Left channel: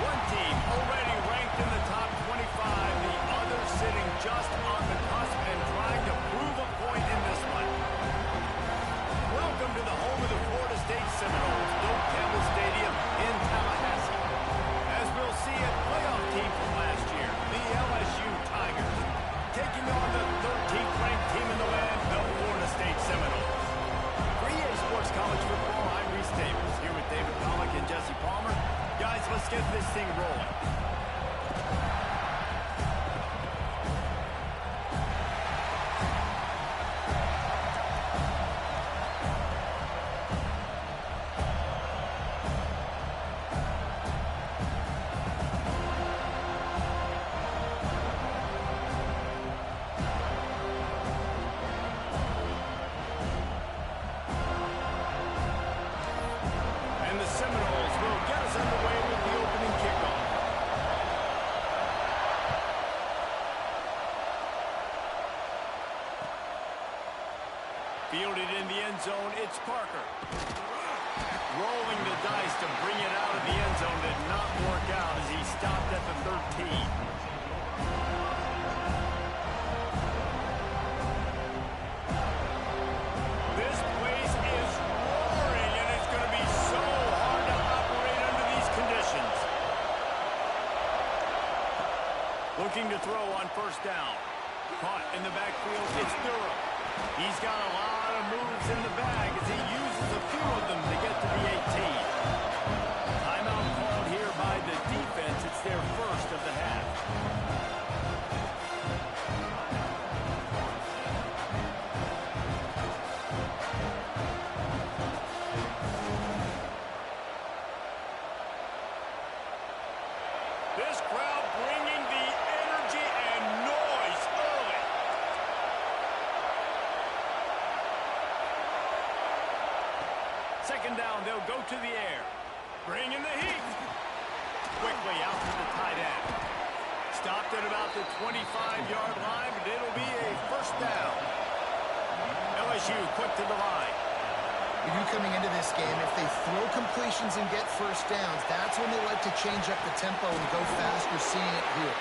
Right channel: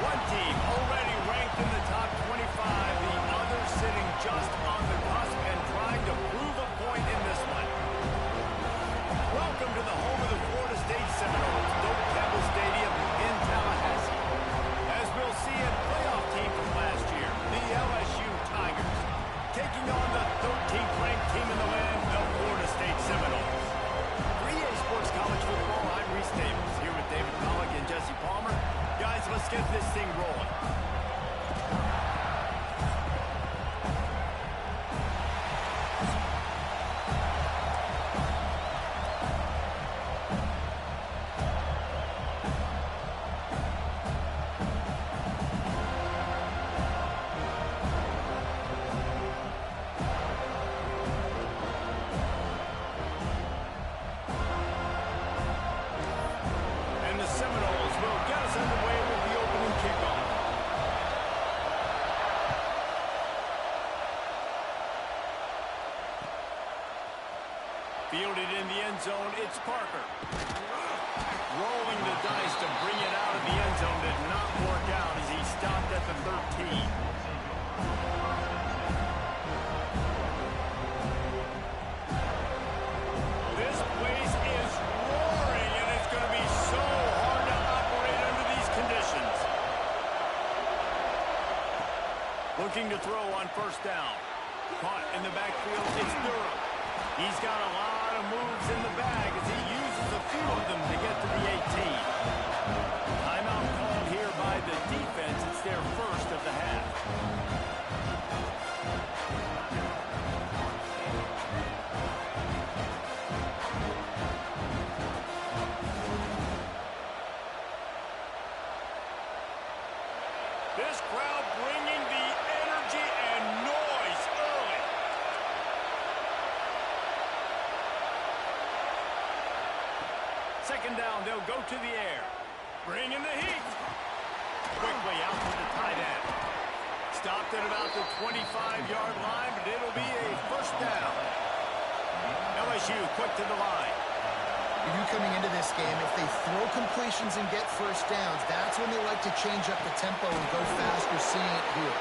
One team already ranked in the top 25, the other sitting just on the cusp and trying to prove a point in this one. Welcome to the home of the Florida State Seminoles, Doak Campbell Stadium in Tallahassee. As we'll see, a playoff team from last year, the LSU Tigers, taking on the 13th ranked team in the land, the Florida State Seminoles. For EA Sports College Football, I'm Reese Davis, here with David Pollack and Jesse Palmer. Guys, let's get this thing rolling. The Seminoles will get us underway with the opening kickoff. Fielded in the end zone, it's Parker. Rolling the dice to bring it out of the end zone did not work out as he stopped at the 13. This place is roaring, and it's going to be so hard to operate under these conditions. Looking to throw on first down. Caught in the backfield, it's Durham. He's got a lot of moves in the bag as he uses a few of them to get to the 18. Timeout called here by the defense. It's their first of the half. This crowd bringing the energy and noise early. Second down, they'll go to the air. Bringing the heat. Quickly out to the tight end. Stopped at about the 25-yard line, but it'll be a first down. LSU quick to the line. You coming into this game, if they throw completions and get first downs, that's when they like to change up the tempo and go fast. You're seeing it here.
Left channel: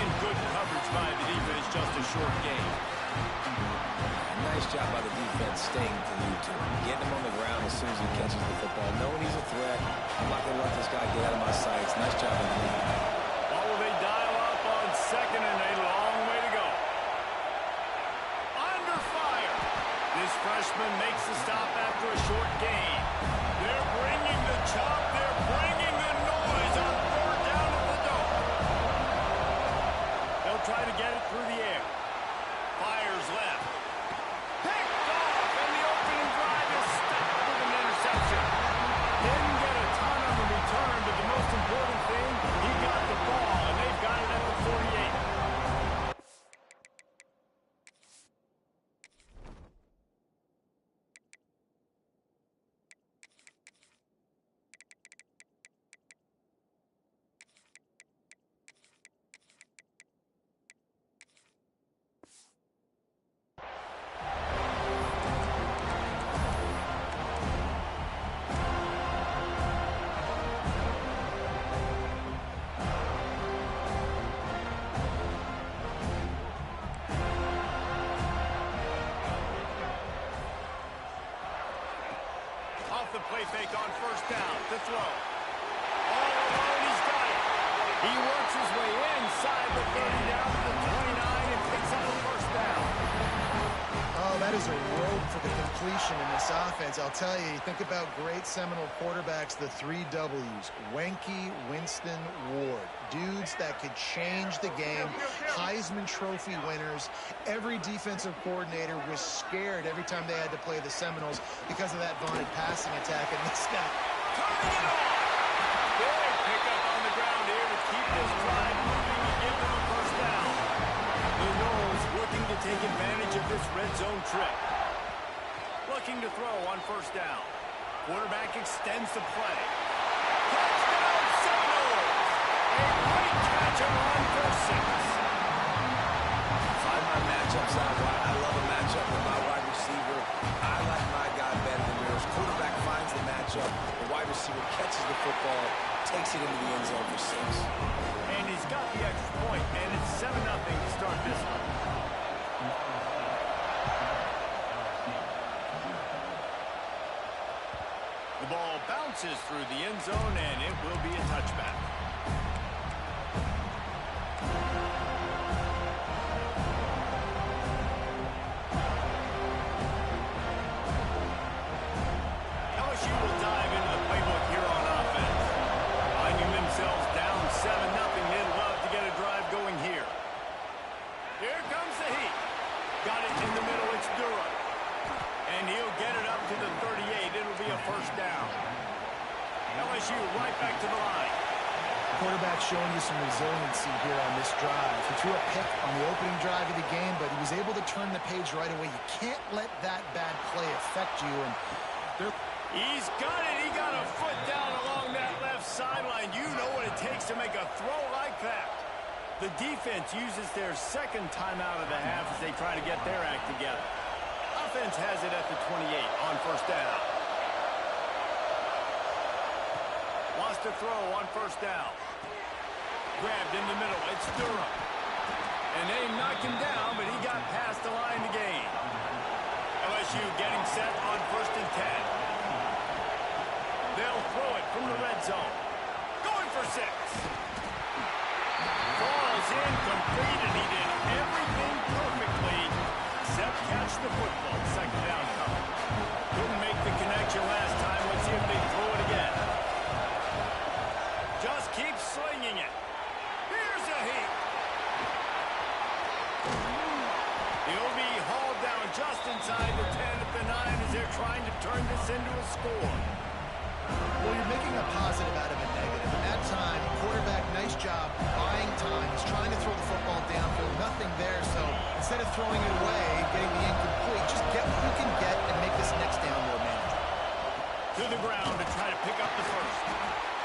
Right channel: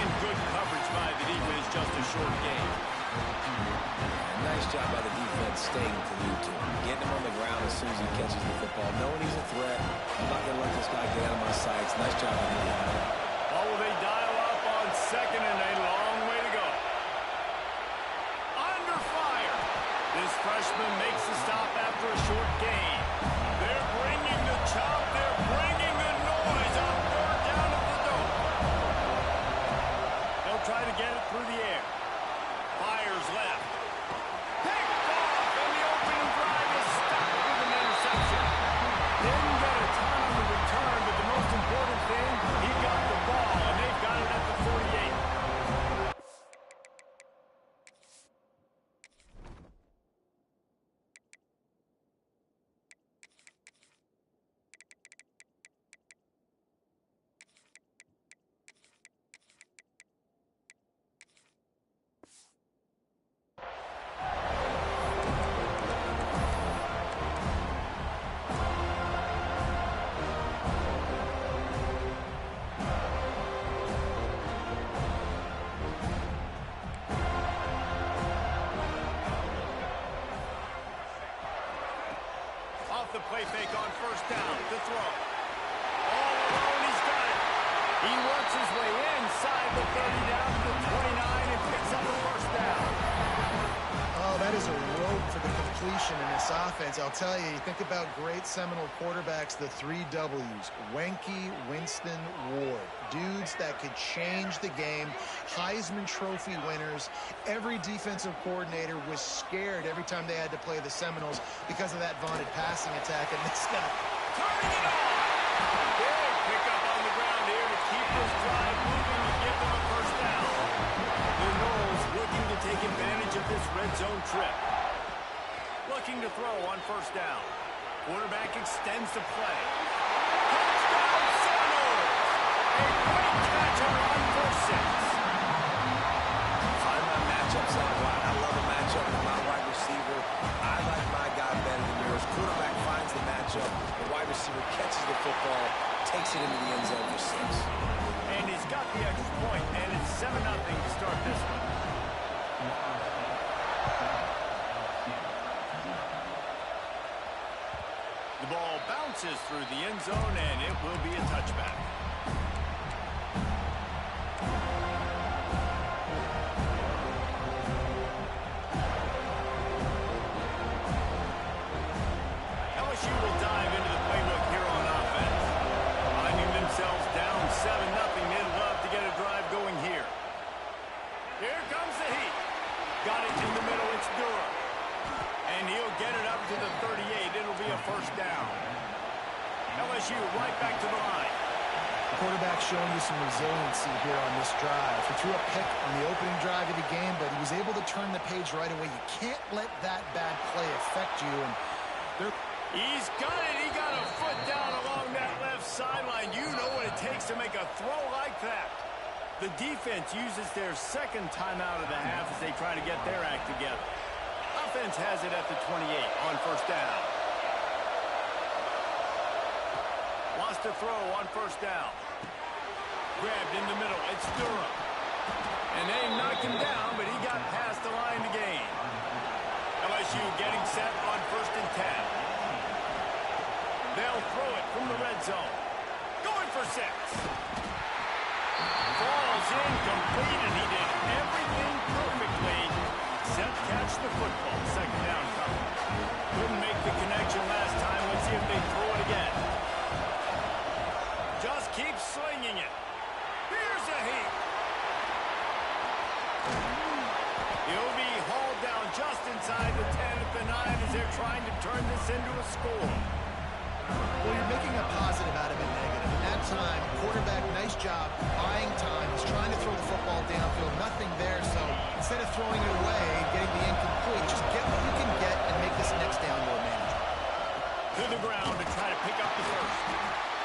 And good coverage by the defense, just a short game. Nice job by the defense staying to lead to him. Getting him on the ground as soon as he catches the football. Knowing he's a threat. I'm not going to let this guy get out of my sights. Nice job by the defense. Well, will they dial up on second and a long way to go? Under fire. This freshman makes the stop after a short gain. They're bringing the chop. They're bringing the noise on third down at the Dome. They'll try to get it through the air. Fires left. Picked off, and the opening drive is stopped with an interception. Didn't get a ton on the return, but the most important thing, he got the ball, and they've got it at the 48. The play fake on first down to throw. All alone, he's got it. He works his way inside the 30 down to the 29 and picks up a first down. Oh, that is a rope for the completion in this offense. I'll tell you, you think about great Seminole quarterbacks, the 3 W's. Wenke, Winston, Ward. Dudes that could change the game. Heisman Trophy winners. Every defensive coordinator was scared every time they had to play the Seminoles because of that vaunted passing attack. And this guy turning it on. Big pickup on the ground here to keep this drive moving and give them a first down. The Noles looking to take advantage of this red zone trip. Looking to throw on first down. Quarterback extends the play. Touchdown Seminoles! A great catch and run for 6. Find my matchups out wide. I love a matchup with my wide receiver. I like my guy better than yours. Quarterback finds the matchup. The wide receiver receiver catches the football, takes it into the end zone for 6. And he's got the extra point, and it's 7-0 to start this one. The ball bounces through the end zone, and it will be a touchback. FSU will dive into the playbook here on offense. Finding themselves down 7-0, they'd love to get a drive going here. Here comes the heat. Got it in the middle, it's Durham. And he'll get it up to the 38. It'll be a first down. FSU right back to the line. The quarterback showing you some resiliency here on this drive. He threw a pick on the opening drive of the game, but he was able to turn the page right away. You can't let that bad play affect you. And he's got it. He got a foot down along that left sideline. You know what it takes to make a throw like that. The defense uses their second timeout of the half as they try to get their act together. Offense has it at the 28 on first down. Wants to throw on first down. Grabbed in the middle. It's Durham. And they knocked him down, but he got past the line to gain. LSU getting set on 1st and 10. They'll throw it from the red zone. Going for 6. Falls incomplete, and he did everything perfectly except catch the football. Second down coming. Couldn't make the connection last time. Let's see if they throw it again. Just keep slinging it. Here's a heat. He'll be hauled down just inside the 10 at the 9 as they're trying to turn this into a score. well, you're making a positive out of a negative. And that time, quarterback, nice job buying time. He's trying to throw the football downfield. Nothing there. So instead of throwing it away, getting the incomplete, just get what you can get and make this next down more manageable. To the ground to try to pick up the first.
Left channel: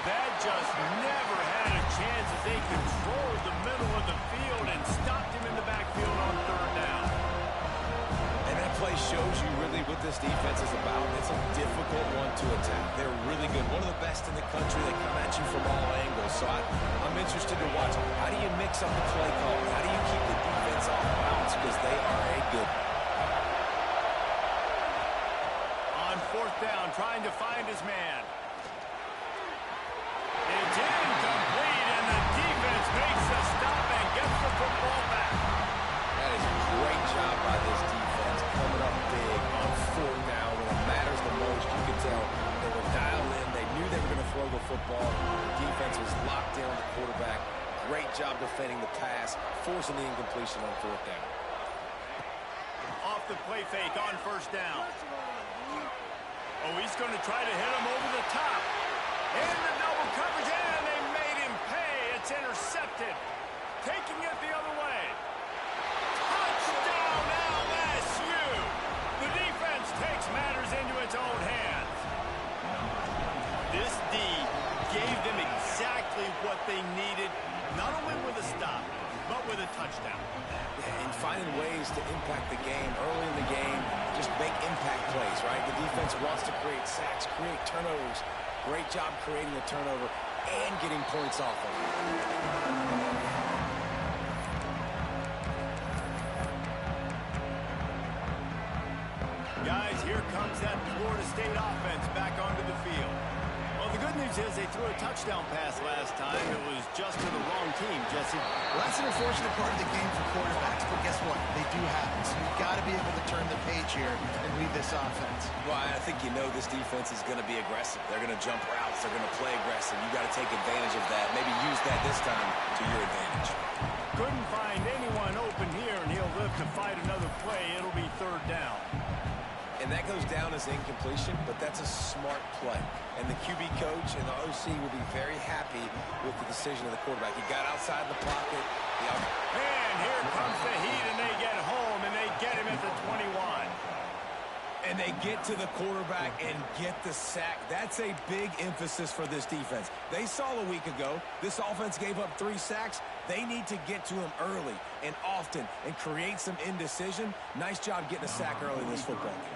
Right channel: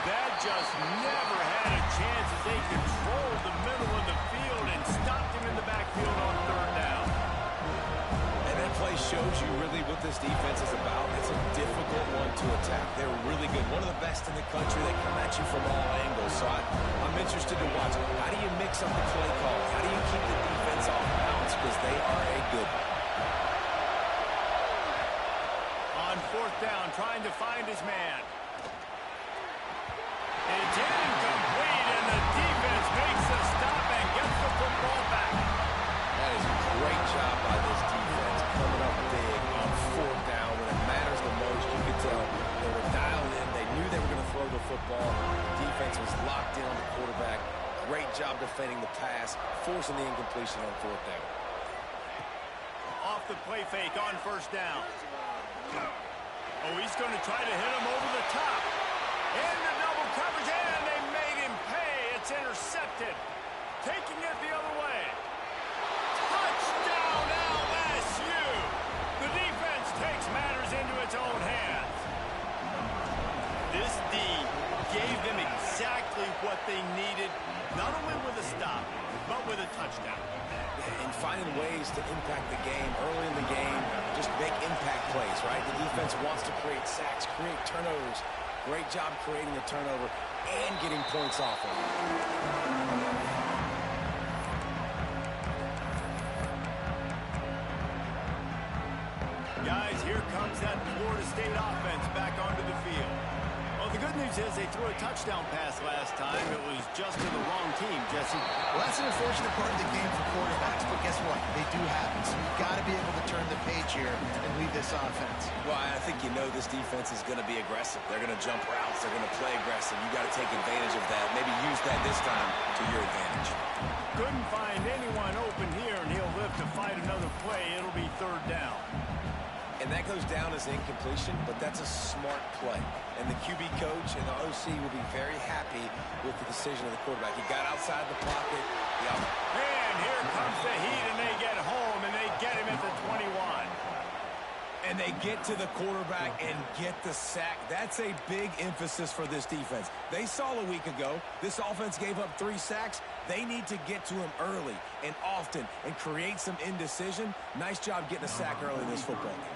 That just never had a chance as they controlled the middle of the field and stopped him in the backfield on third down. And that play shows you really what this defense is about. It's a difficult one to attack. They're really good. One of the best in the country. They come at you from all angles. So I'm interested to watch. How do you mix up the play calling? How do you keep the defense off balance? Because they are a good one. On fourth down, trying to find his man. It's incomplete, and the defense makes the stop and gets the football back. That is a great job by this defense, coming up big on fourth down when it matters the most. You could tell they were dialed in. They knew they were going to throw the football. The defense was locked in on the quarterback. Great job defending the pass, forcing the incompletion on fourth down. Off the play fake on first down. Oh, he's going to try to hit him over the top. Into double coverage, and they made him pay. It's intercepted. Taking it the other way. Touchdown, LSU! The defense takes matters into its own hands. This D gave them exactly what they needed, not only with a stop, but with a touchdown. And finding ways to impact the game early in the game, just make impact plays, right? The defense wants to create sacks, create turnovers. Great job creating the turnover and getting points off of it. Guys, here comes that Florida State offense back onto the field. Well, the good news is they threw a touchdown pass last time. It was just to the wrong team, Jesse. Well, that's an unfortunate part of the game for quarterbacks, but guess what? They do happen. So you've got to be able to turn the page here and lead this offense. Well, I think you know this defense is going to be aggressive. They're going to jump routes. They're going to play aggressive. You got to take advantage of that. Maybe use that this time to your advantage. Couldn't find anyone open here, and he'll live to fight another play. It'll be third down. And that goes down as incompletion, but that's a smart play. And the QB coach and the OC will be very happy with the decision of the quarterback. He got outside the pocket. And here comes the heat, and they get home, and they get him at the 21. And they get to the quarterback and get the sack. That's a big emphasis for this defense. They saw a week ago, this offense gave up 3 sacks. They need to get to him early and often and create some indecision. Nice job getting a sack early in this football game.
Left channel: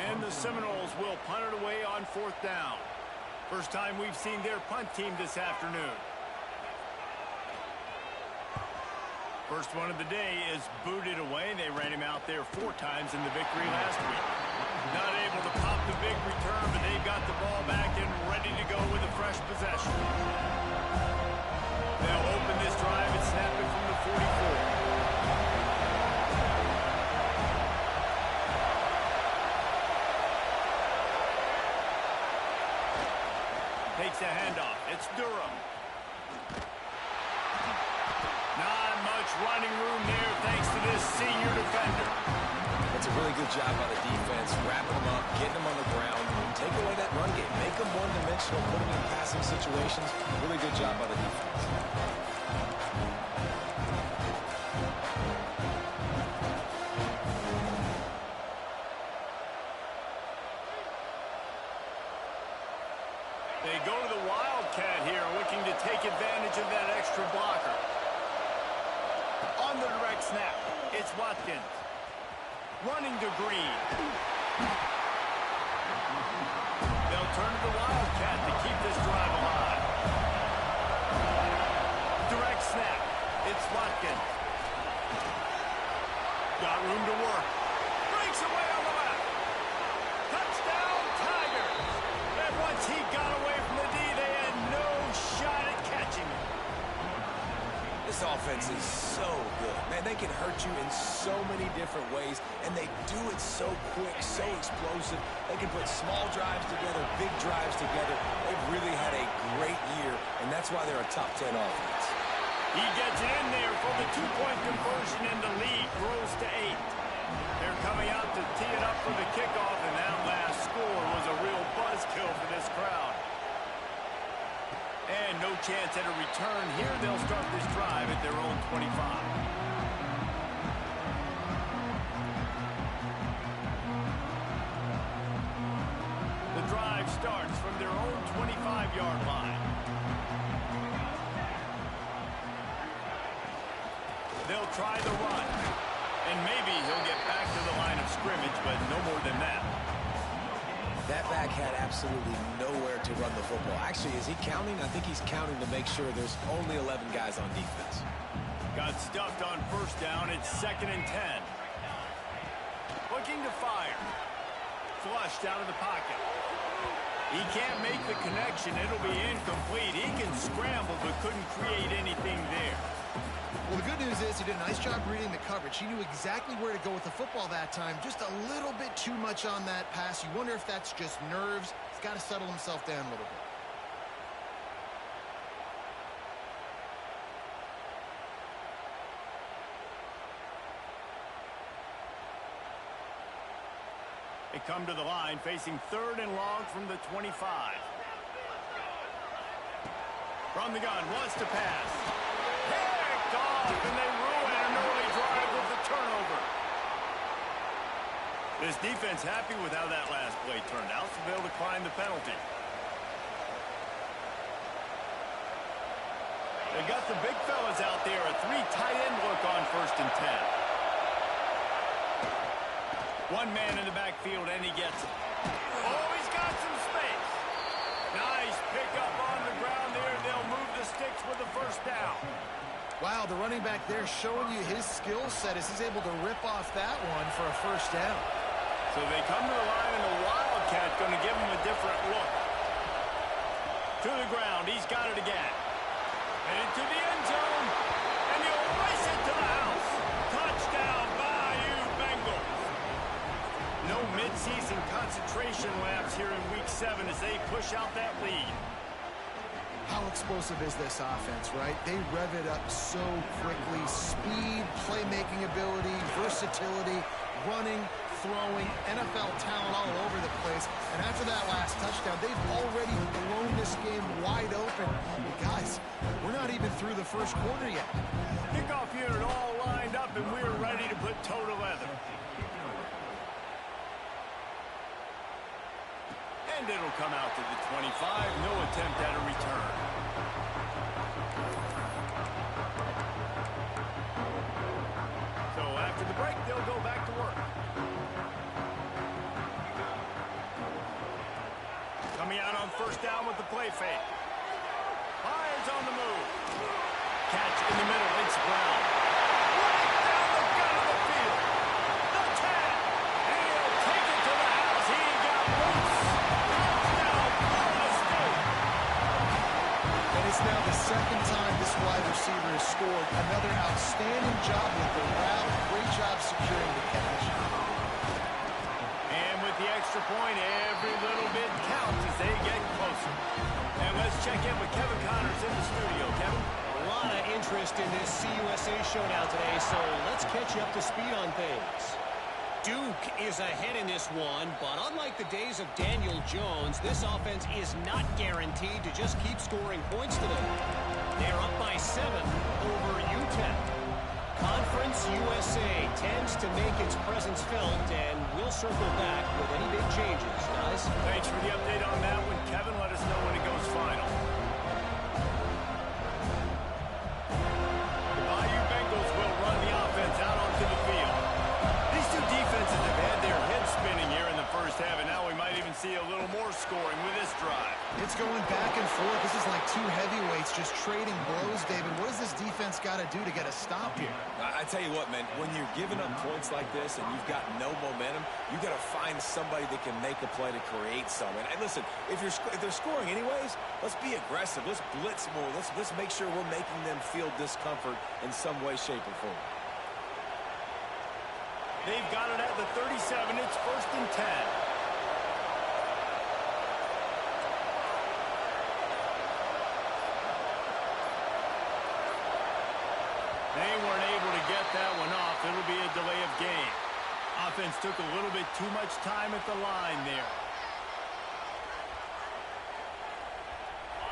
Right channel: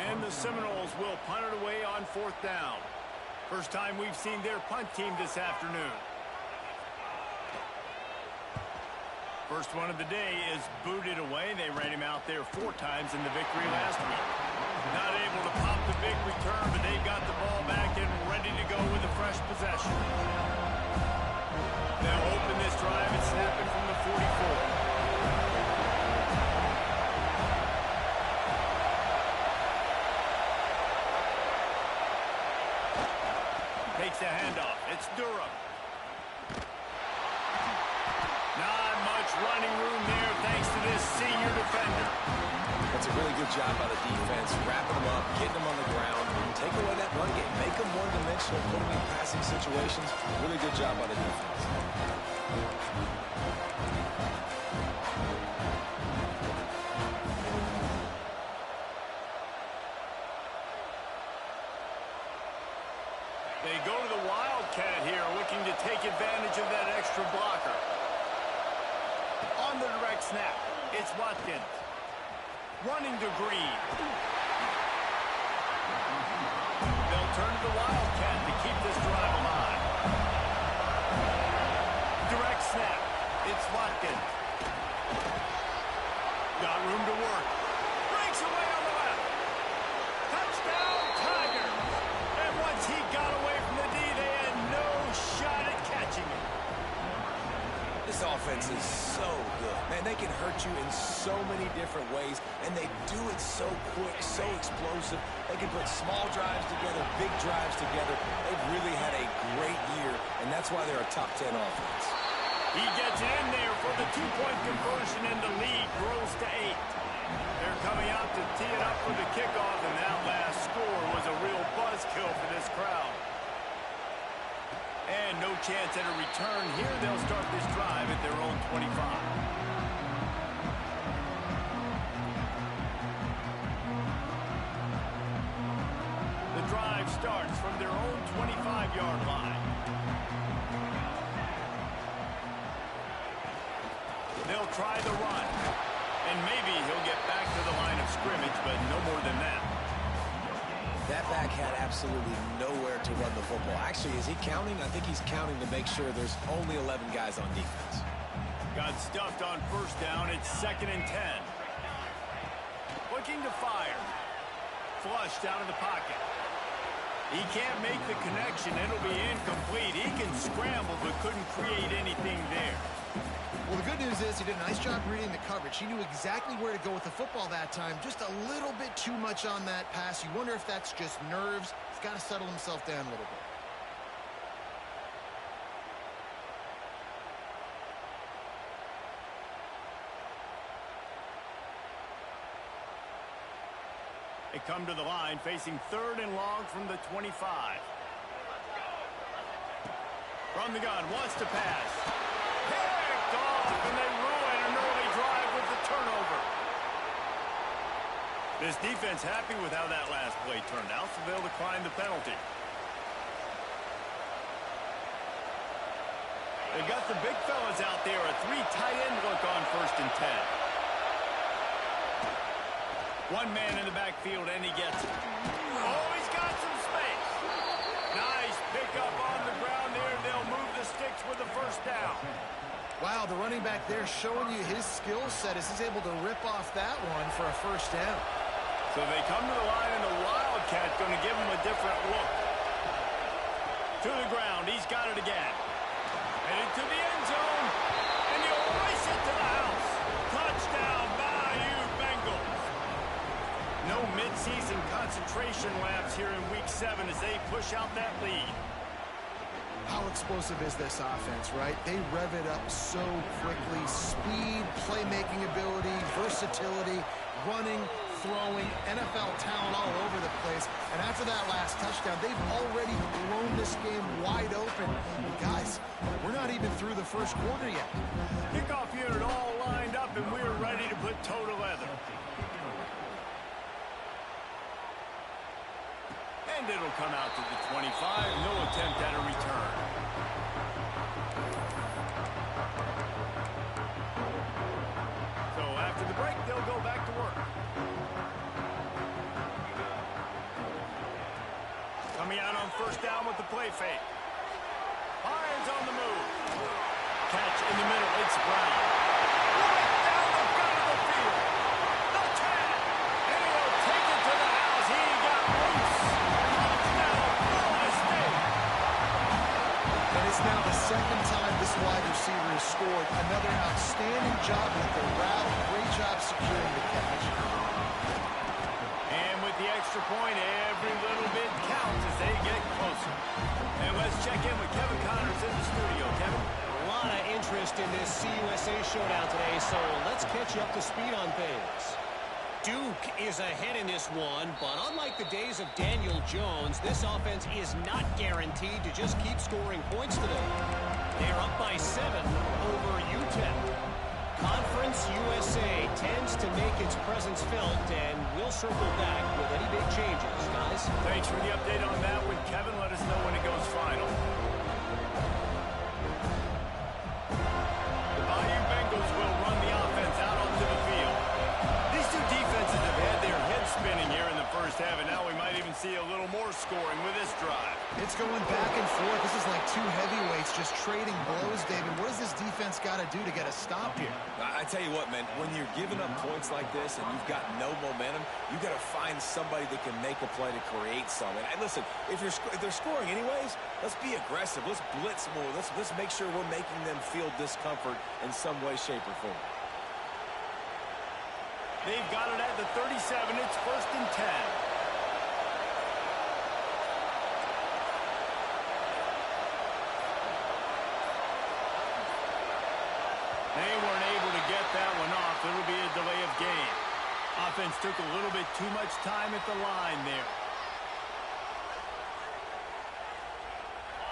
And the Seminoles will punt it away on fourth down. First time we've seen their punt team this afternoon. First one of the day is booted away. They ran him out there 4 times in the victory last week. Not able to pop the big return, but they've got the ball back and ready to go with a fresh possession. They'll open this drive and snap it from the 44. Takes a handoff. It's Durham. Not much running room there thanks to this senior defender. That's a really good job by the defense, wrapping them up, getting them on the ground, take away that run game, make them one-dimensional, put them in passing situations. Really good job by the defense. They go to the Wildcat here, looking to take advantage of that extra blocker. On the direct snap, it's Watkins. Running to Green. They'll turn to the Wildcat to keep this drive alive. Direct snap, it's Watkins. Got room to work. Breaks away on the left. Touchdown, Tigers. And once he got away from the D, they had no shot at catching him. This offense is so good. Man, they can hurt you in so many different ways, and they do it so quick, so explosive. They can put small drives together, big drives together. They've really had a great year, and that's why they're a top 10 offense. He gets it in there for the 2-point conversion, and the lead grows to 8. They're coming out to tee it up for the kickoff, and that last score was a real buzzkill for this crowd. And no chance at a return here. They'll start this drive at their own 25. The drive starts from their own 25-yard line. They'll try the run. And maybe he'll get back to the line of scrimmage, but no more than that. That back had absolutely nowhere to run the football. Actually, is he counting? I think he's counting to make sure there's only 11 guys on defense. Got stuffed on first down. It's 2nd and 10. Looking to fire. Flushed out of the pocket. He can't make the connection. It'll be incomplete. He can scramble, but couldn't create anything there. Well, the good news is he did a nice job reading the coverage. He knew exactly where to go with the football that time. Just a little bit too much on that pass. You wonder if that's just nerves. He's got to settle himself down a little bit. They come to the line facing 3rd and long from the 25. From the gun, wants to pass. Picked off, and they ruin an early drive with the turnover. This defense happy with how that last play turned out, so they'll decline the penalty. They've got the big fellas out there, a 3 tight end look on 1st and 10. One man in the backfield, and he gets it. Oh, he's got some space. Nice pickup on the ground there. They'll move the sticks with the 1st down. Wow, the running back there showing you his skill set as he's able to rip off that one for a 1st down. So they come to the line, and the Wildcat going to give him a different look. To the ground. He's got it again. Headed to the end zone, and he'll race it to the house. Touchdown, Bayou Bengals. No midseason concentration laps here in Week 7 as they push out that lead. How explosive is this offense, right? They rev it up so quickly. Speed, playmaking ability, versatility, running, throwing, NFL talent all over the place. And after that last touchdown, they've already blown this game wide open. Guys, we're not even through the 1st quarter yet. Kickoff unit all lined up, and we're ready to put toe to leather. And it'll come out to the 25. No attempt at a return. So after the break, they'll go back to work. Coming Coming out on first down with the play fake. Fires on the move. Catch in the middle. It's Brown. Right down the gut of the field. The 10. And he'll take it to the house. He got loose. Touchdown, Florida State. And it's now the second time this wide receiver has scored. Another outstanding job with the route. Great job securing the catch. And with the extra point, every little bit counts as they get closer. And let's check in with Kevin Connors in the studio. Kevin? A lot of interest in this CUSA showdown today, so let's catch you up to speed on things. Duke is ahead in this one, but unlike the days of Daniel Jones, this offense is not guaranteed to just keep scoring points today. They're up by 7 over UTEP. Conference USA tends to make its presence felt, and we'll circle back with any big changes, guys. Thanks for the update on that one, Kevin. Let us know when it goes final. The Bayou Bengals will run the offense out onto the field. These two defenses have had their heads spinning here in the first half, and now we might even see a little more scoring with this drive. It's going back and forth. This is like two heavyweights just trading blows, David. What does this defense got to do to get a stop here? I tell you what, man, when you're giving up points like this and you've got no momentum, you got to find somebody that can make a play to create some. And listen, if they're scoring anyways, let's be aggressive. Let's blitz more. Let's make sure we're making them feel discomfort in some way, shape, or form. They've got it at the 37. It's 1st and 10. They weren't able to get that one off. It'll be a delay of game. Offense took a little bit too much time at the line there.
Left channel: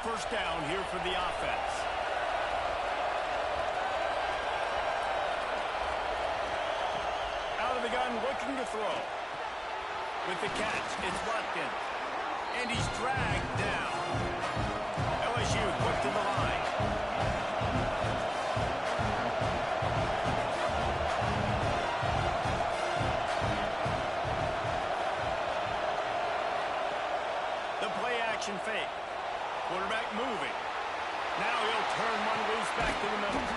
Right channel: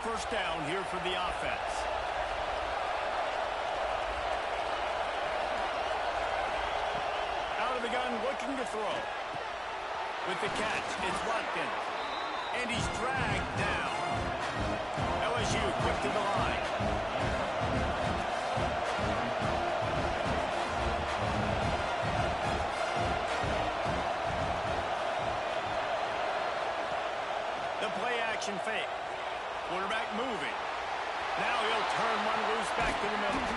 First down here for the offense. Out of the gun, looking to throw. With the catch, it's Watkins. And he's dragged down. LSU quick to the line. The play action fake. Quarterback moving. Now he'll turn one loose back to the middle.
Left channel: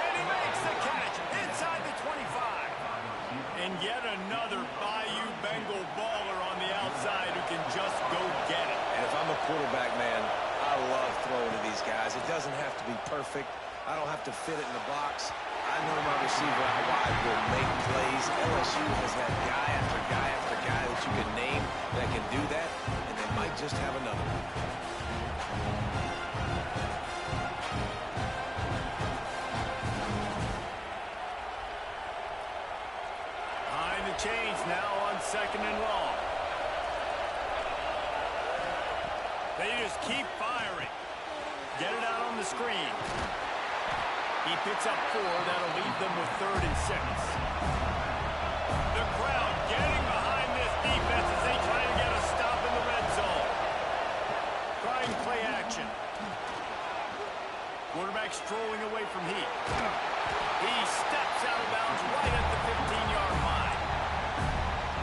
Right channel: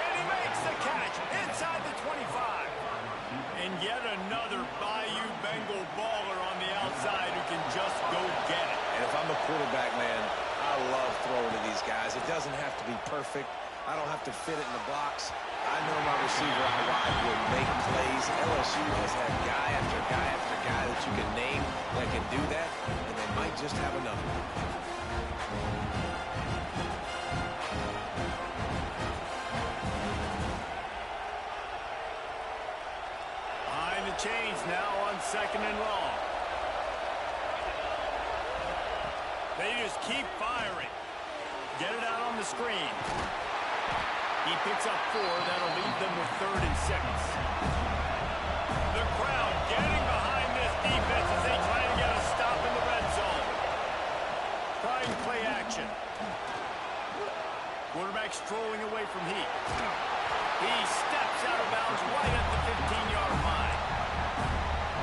And he makes the catch inside the 25. And yet another Bayou Bengal baller on the outside who can just go get it. And if I'm a quarterback, man, I love throwing to these guys. It doesn't have to be perfect. I don't have to fit it in the box. I know my receiver out wide will make plays. LSU has had guy after guy after guy that you can name that can do that, and they might just have another one. Behind the chains now on 2nd and long. They just keep firing. Get it out on the screen. He picks up 4. That'll leave them with 3rd and 6. The crowd getting behind this defense as they try to get a stop in the red zone. Trying play action. Quarterback strolling away from Heat. He steps out of bounds right at the 15-yard line.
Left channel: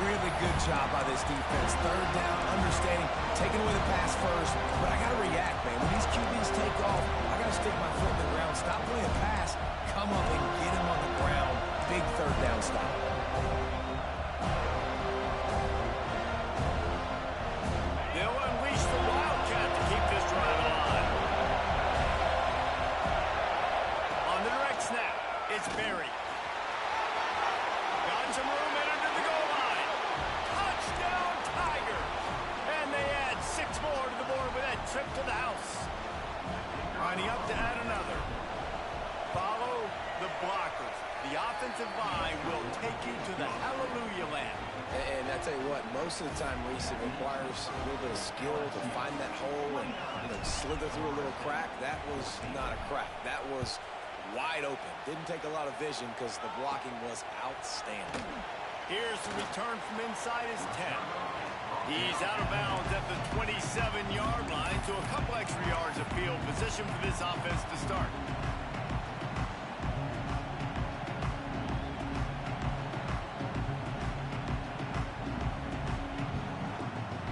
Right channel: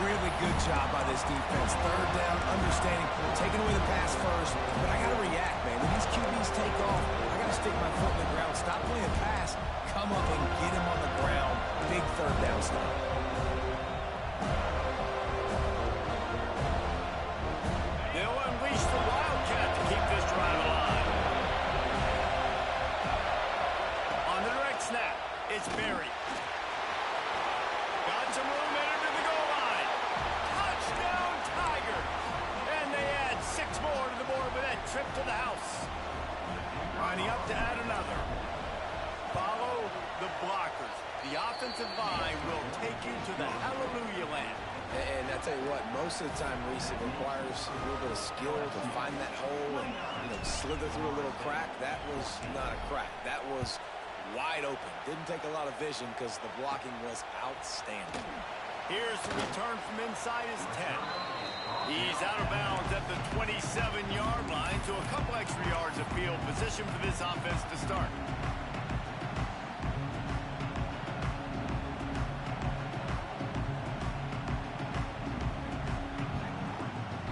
Really good job by this defense. 3rd down, understanding, taking away the pass first. But I got to react, man. When these QBs take off, I got to stick my foot in the ground. Stop playing pass. Come up and get him on the ground. Big 3rd down stop. They'll unleash the Wildcat to keep this drive alive. On the direct snap, it's Berry. Got some room in to the goal line. Touchdown, Tigers. And they add 6 more to the board with that trip to the house. Lining up to add another. Follow the blockers. The offensive line will take you to the hallelujah land. And I tell you what, most of the time, Reese, it requires a little bit of skill to find that hole and, slither through a little crack. That was not a crack. That was wide open. Didn't take a lot of vision because the blocking was outstanding. Here's the return from inside his 10. He's out of bounds at the 27-yard line, so a couple extra yards of field position for this offense to start.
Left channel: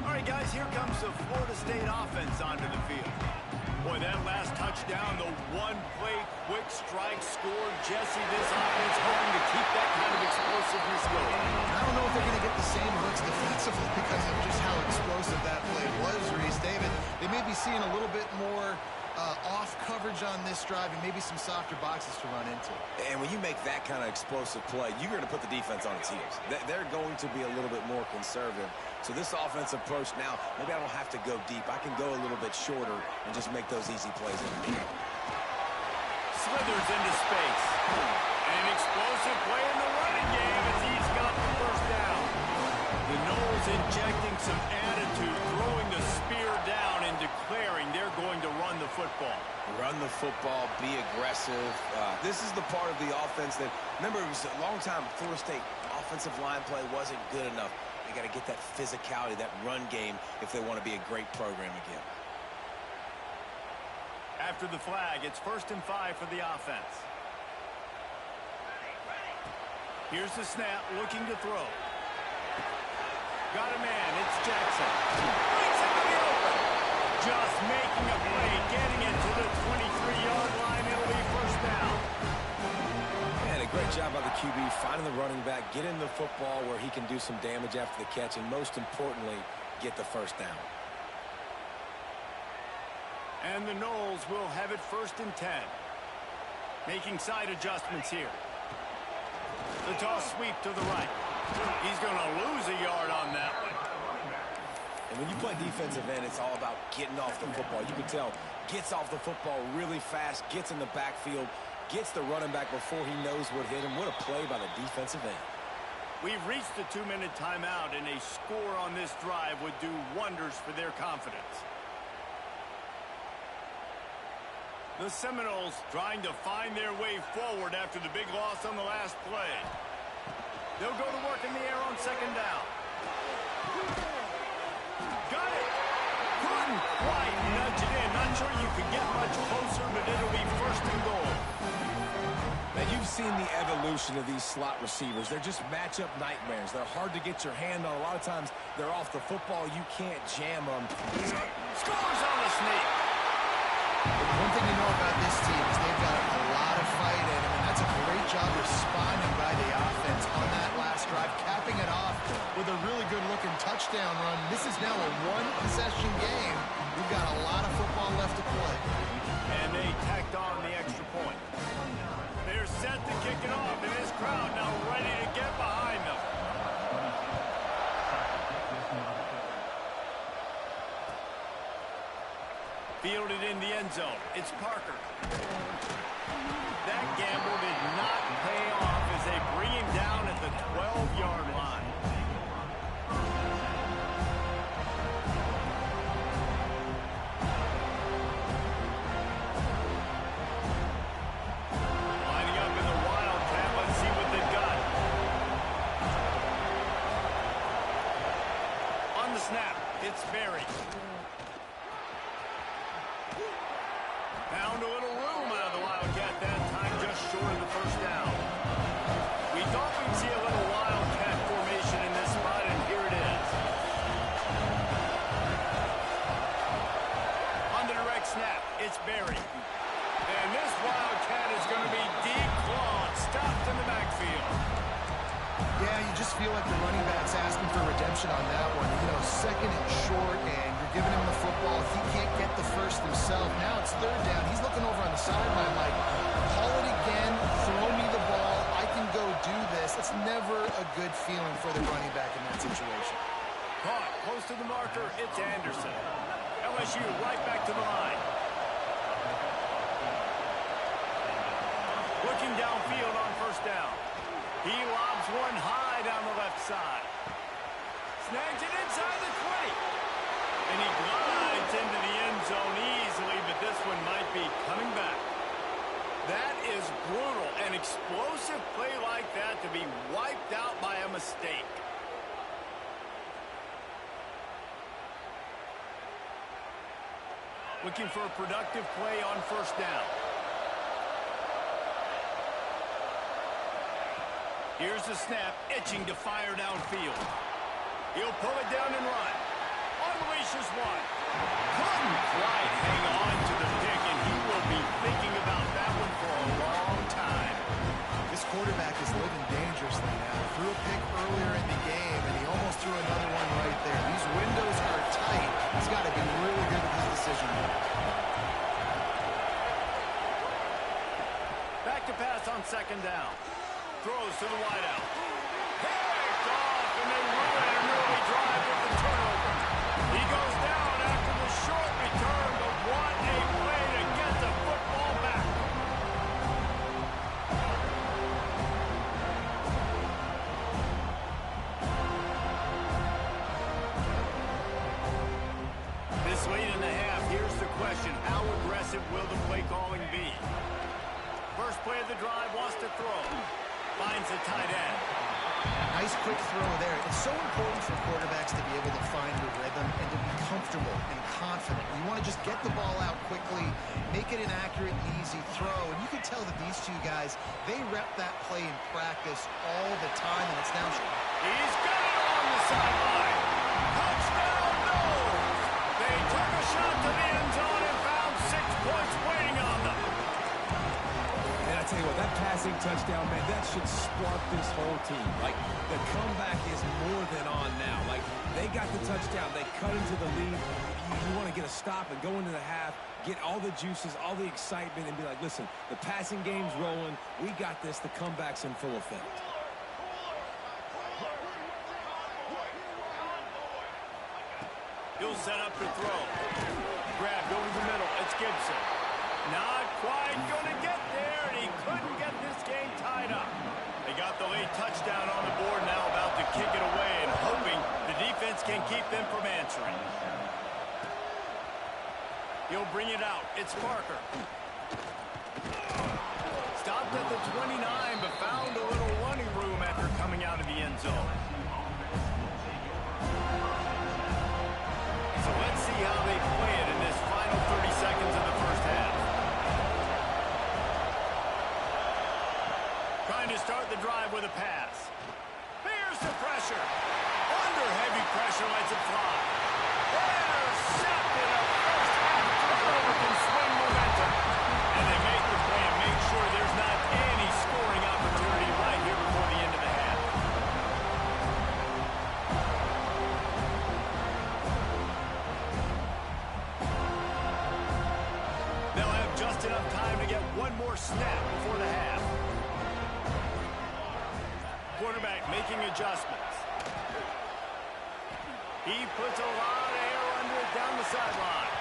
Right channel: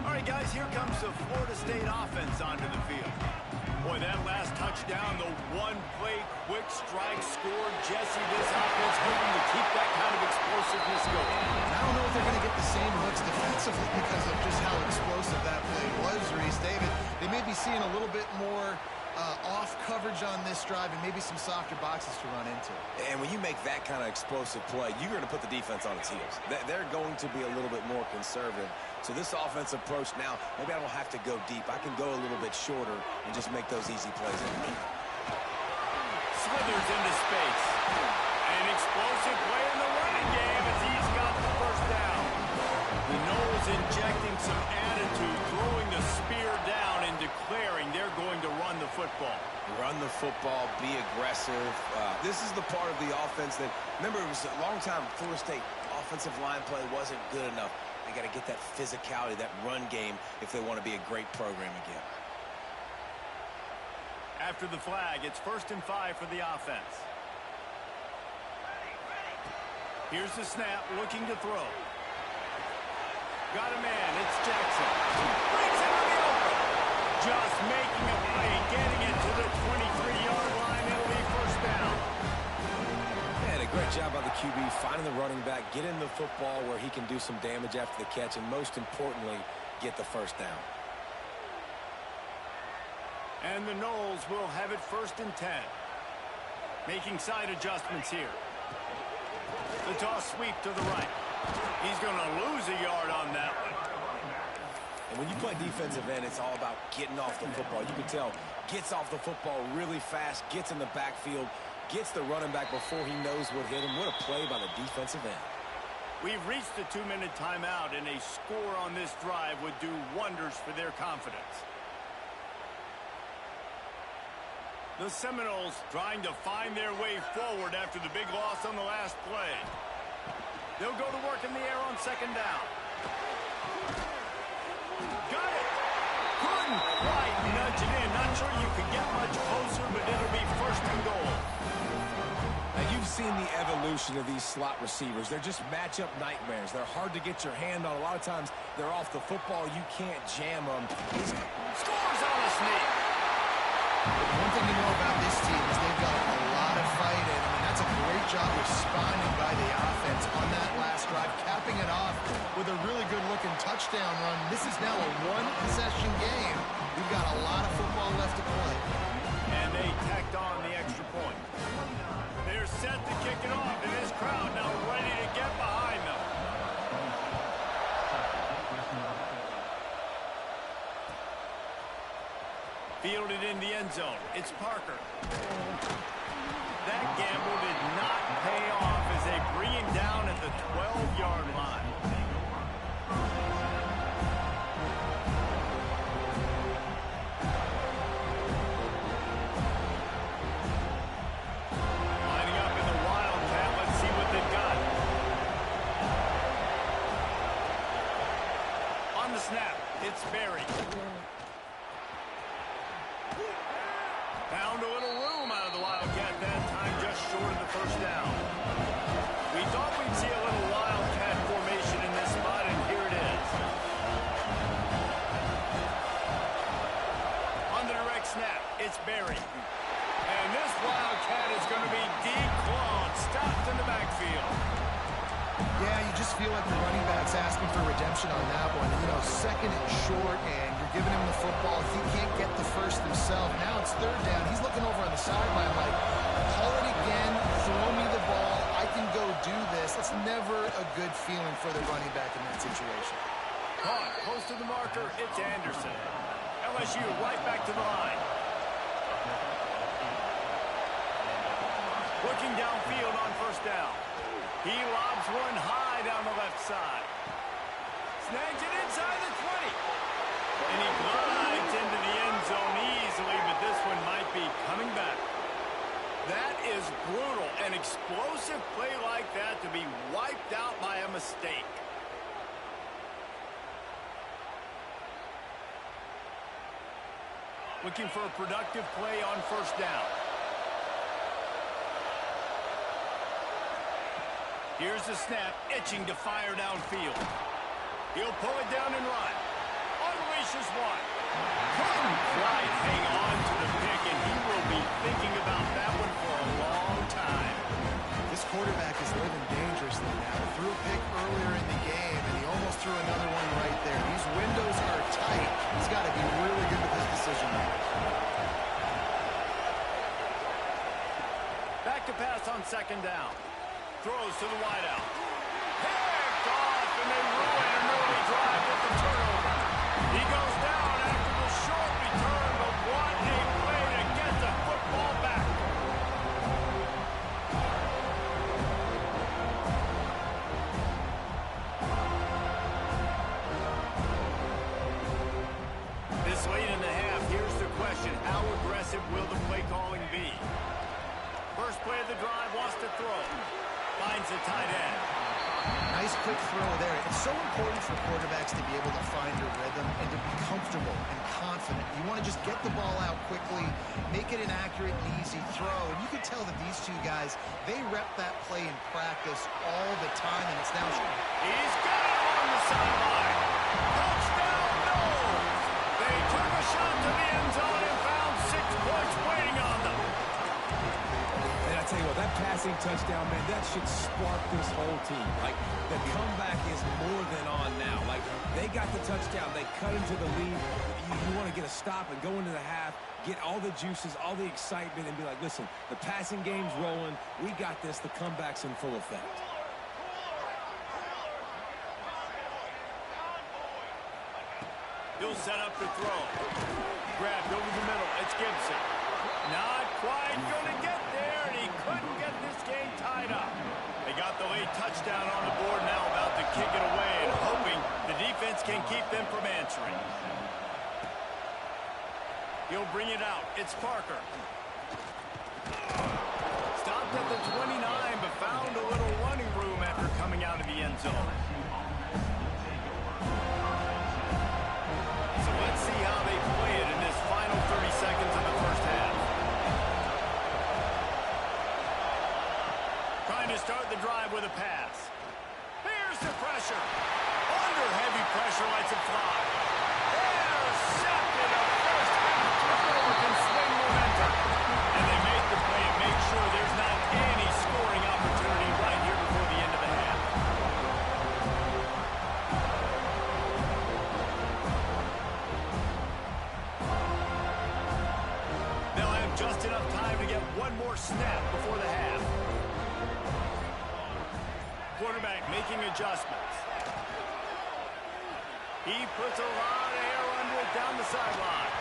All right, guys. guys, here comes the Florida State offense onto the field. Boy, that last touchdown, the one-play quick strike scored. Jesse, this offense hoping to keep that kind of explosiveness going. I don't know if they're going to get the same looks defensively because of just how explosive that play was, Reese. David, they may be seeing a little bit more off coverage on this drive and maybe some softer boxes to run into. And when you make that kind of explosive play, you're going to put the defense on its heels. They're going to be a little bit more conservative. So this offensive approach now, maybe I don't have to go deep. I can go a little bit shorter and just make those easy plays. Slithers into space. An explosive play in the running game as he's got the first down. The Noles injecting some attitude, throwing the spear down and declaring they're going to run the football. Run the football, be aggressive. This is the part of the offense that, remember, it was a long time Florida State offensive line play wasn't good enough. They got to get that physicality, that run game, if they want to be a great program again. After the flag, it's 1st and 5 for the offense. Here's the snap, looking to throw. Got a man, it's Jackson. Breaks into the open. Just making a play, getting it to the 23-yard line. It'll be first down. And a great job by the QB, finding the running back, getting the football where he can do some damage after the catch, and most importantly, get the first down. And the Noles will have it 1st and 10. Making side adjustments here. The toss sweep to the right. He's going to lose a yard on that one. And when you play defensive end, it's all about getting off the football. You can tell, gets off the football really fast, gets in the backfield, gets the running back before he knows what hit him. What a play by the defensive end. We've reached the 2-minute timeout, and a score on this drive would do wonders for their confidence. The Seminoles trying to find their way forward after the big loss on the last play. They'll go to work in the air on 2nd down. Got it. Couldn't quite nudge it in. Not sure you could get much closer, but it'll be 1st and goal. Now, you've seen the evolution of these slot receivers. They're just matchup nightmares. They're hard to get your hand on. A lot of times, they're off the football. You can't jam them. Scores on a sneak. One thing you know about this team is they've got a lot of fight in them, and that's a great job responding by the offense on that last drive, capping it off with a really good-looking touchdown run. This is now a one-possession game. We've got a lot of football left to play. And they tacked on the extra point. They're set to kick it off, and this crowd now ready to get behind them. Fielded in the end zone. It's Parker. That gamble did not pay off as they bring him down at the 12-yard line. Lining up in the Wildcat. Let's see what they've got. On the snap, it's Berry. Found a little room out of the Wildcat that time, just short of the first down. We thought we'd see a little Wildcat formation in this spot, and here it is. On the direct snap, it's Berry. And this Wildcat is going to be declawed, stopped in the backfield. Yeah, you just feel like the running back's asking for redemption on that one. You know, 2nd and short, and you're giving him the football. He can't get the first himself. Now it's 3rd down. He's looking over on the sideline like, call it again, throw me the ball, I can go do this. It's never a good feeling for the running back in that situation. Caught, close to the marker, it's Anderson. LSU right back to the line. Looking downfield on 1st down. He lobs one high down the left side. Snags it inside the 20. And he glides into the end zone easily, but this one might be coming back. That is brutal. An explosive play like that to be wiped out by a mistake. Looking for a productive play on 1st down. Here's the snap, itching to fire downfield. He'll pull it down and run. unleashes one. Couldn't quite hang on to the pick, and he will be thinking about that one for a long time. This quarterback is living dangerously now. He threw a pick earlier in the game, and he almost threw another one right there. These windows are tight. He's got to be really good with his decision-making. Back to pass on second down. Throws to the wideout. Picked off, and they ruin an early drive with the turnover. He goes down after the short return, but what a play to get the football back. This late in the half, here's the question. How aggressive will the play calling be? First play of the drive, wants to throw. Finds a tight end. Nice quick throw there. It's so important for quarterbacks to be able to find a rhythm and to be comfortable and confident. You want to just get the ball out quickly, make it an accurate and easy throw. And you can tell that these two guys, they rep that play in practice all the time, and it's now... He's got it along the sideline. Touchdown, Knowles. They took a shot to the end zone and found 6 points waiting on them. And I tell you what, that passing touchdown, man, that should spark this whole team. Like, the comeback is more than on now. Like, they got the touchdown. They cut into the lead. You want to get a stop and go into the half, get all the juices, all the excitement, and be like, listen, the passing game's rolling. We got this. The comeback's in full effect. He'll set up to throw. Grabbed over the middle. It's Gibson. Not quite going to get there, and he couldn't get this game tied up. They got the late touchdown on the board, now about to kick it away and hoping the defense can keep them from answering. He'll bring it out. It's Parker. Stopped at the 29, but found a little running room after coming out of the end zone. So let's see how they play it in this final 30 seconds of the first half. Trying to start the drive with a pass. Here's the pressure. Under heavy pressure, lets it fly. Intercepted. A first half turnover can swing momentum. And they make the play and make sure there's not any scoring opportunity right here before the end of the half. They'll have just enough time to get one more snap before the half. Quarterback making adjustments. He puts a lot of air under it down the sideline.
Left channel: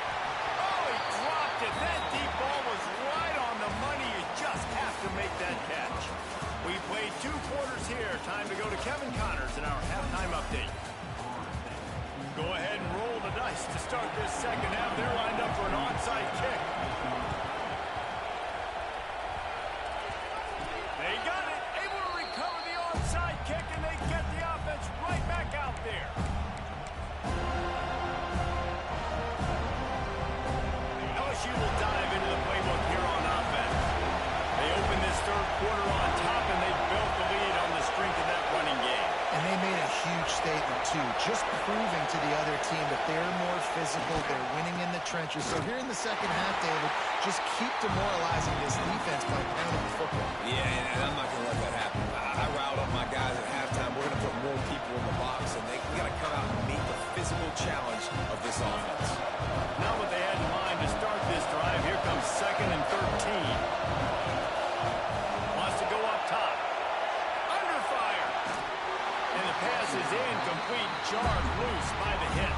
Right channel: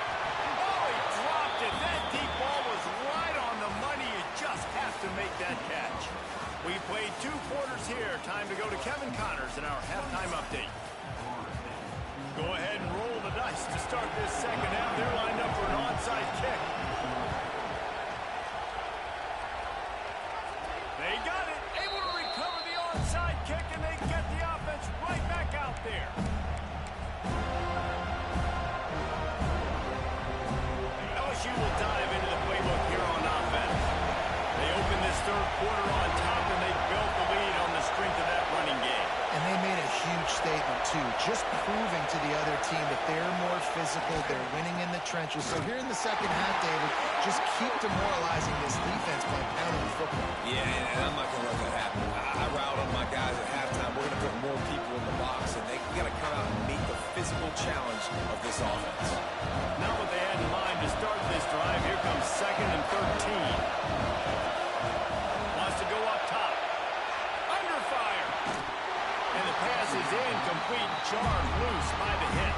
Oh, he dropped it. That deep ball was right on the money. You just have to make that catch. We played 2 quarters here. Time to go to Kevin Connors in our halftime update. Go ahead and roll the dice to start this second half. They're lined up for an onside kick. They got it. Able to recover the onside kick, and they get the offense right back out there. LSU will dive into the playbook here on offense. They open this third quarter on top, and they built the lead on the strength of that running game. And they made a huge statement, too, just proving to the other team that they're more physical, they're winning in the trenches. So here in the second half, David, just keep demoralizing this defense by pounding the football. Yeah, and I'm not going to let that happen. I riled up my guys at halftime. We're going to put more people in the box, and we got to come out and meet the physical challenge of this offense. Not what they had in mind to start this drive. Here comes 2nd and 13. Wants to go up top. Under fire. And the pass is incomplete, jarred loose by the hit.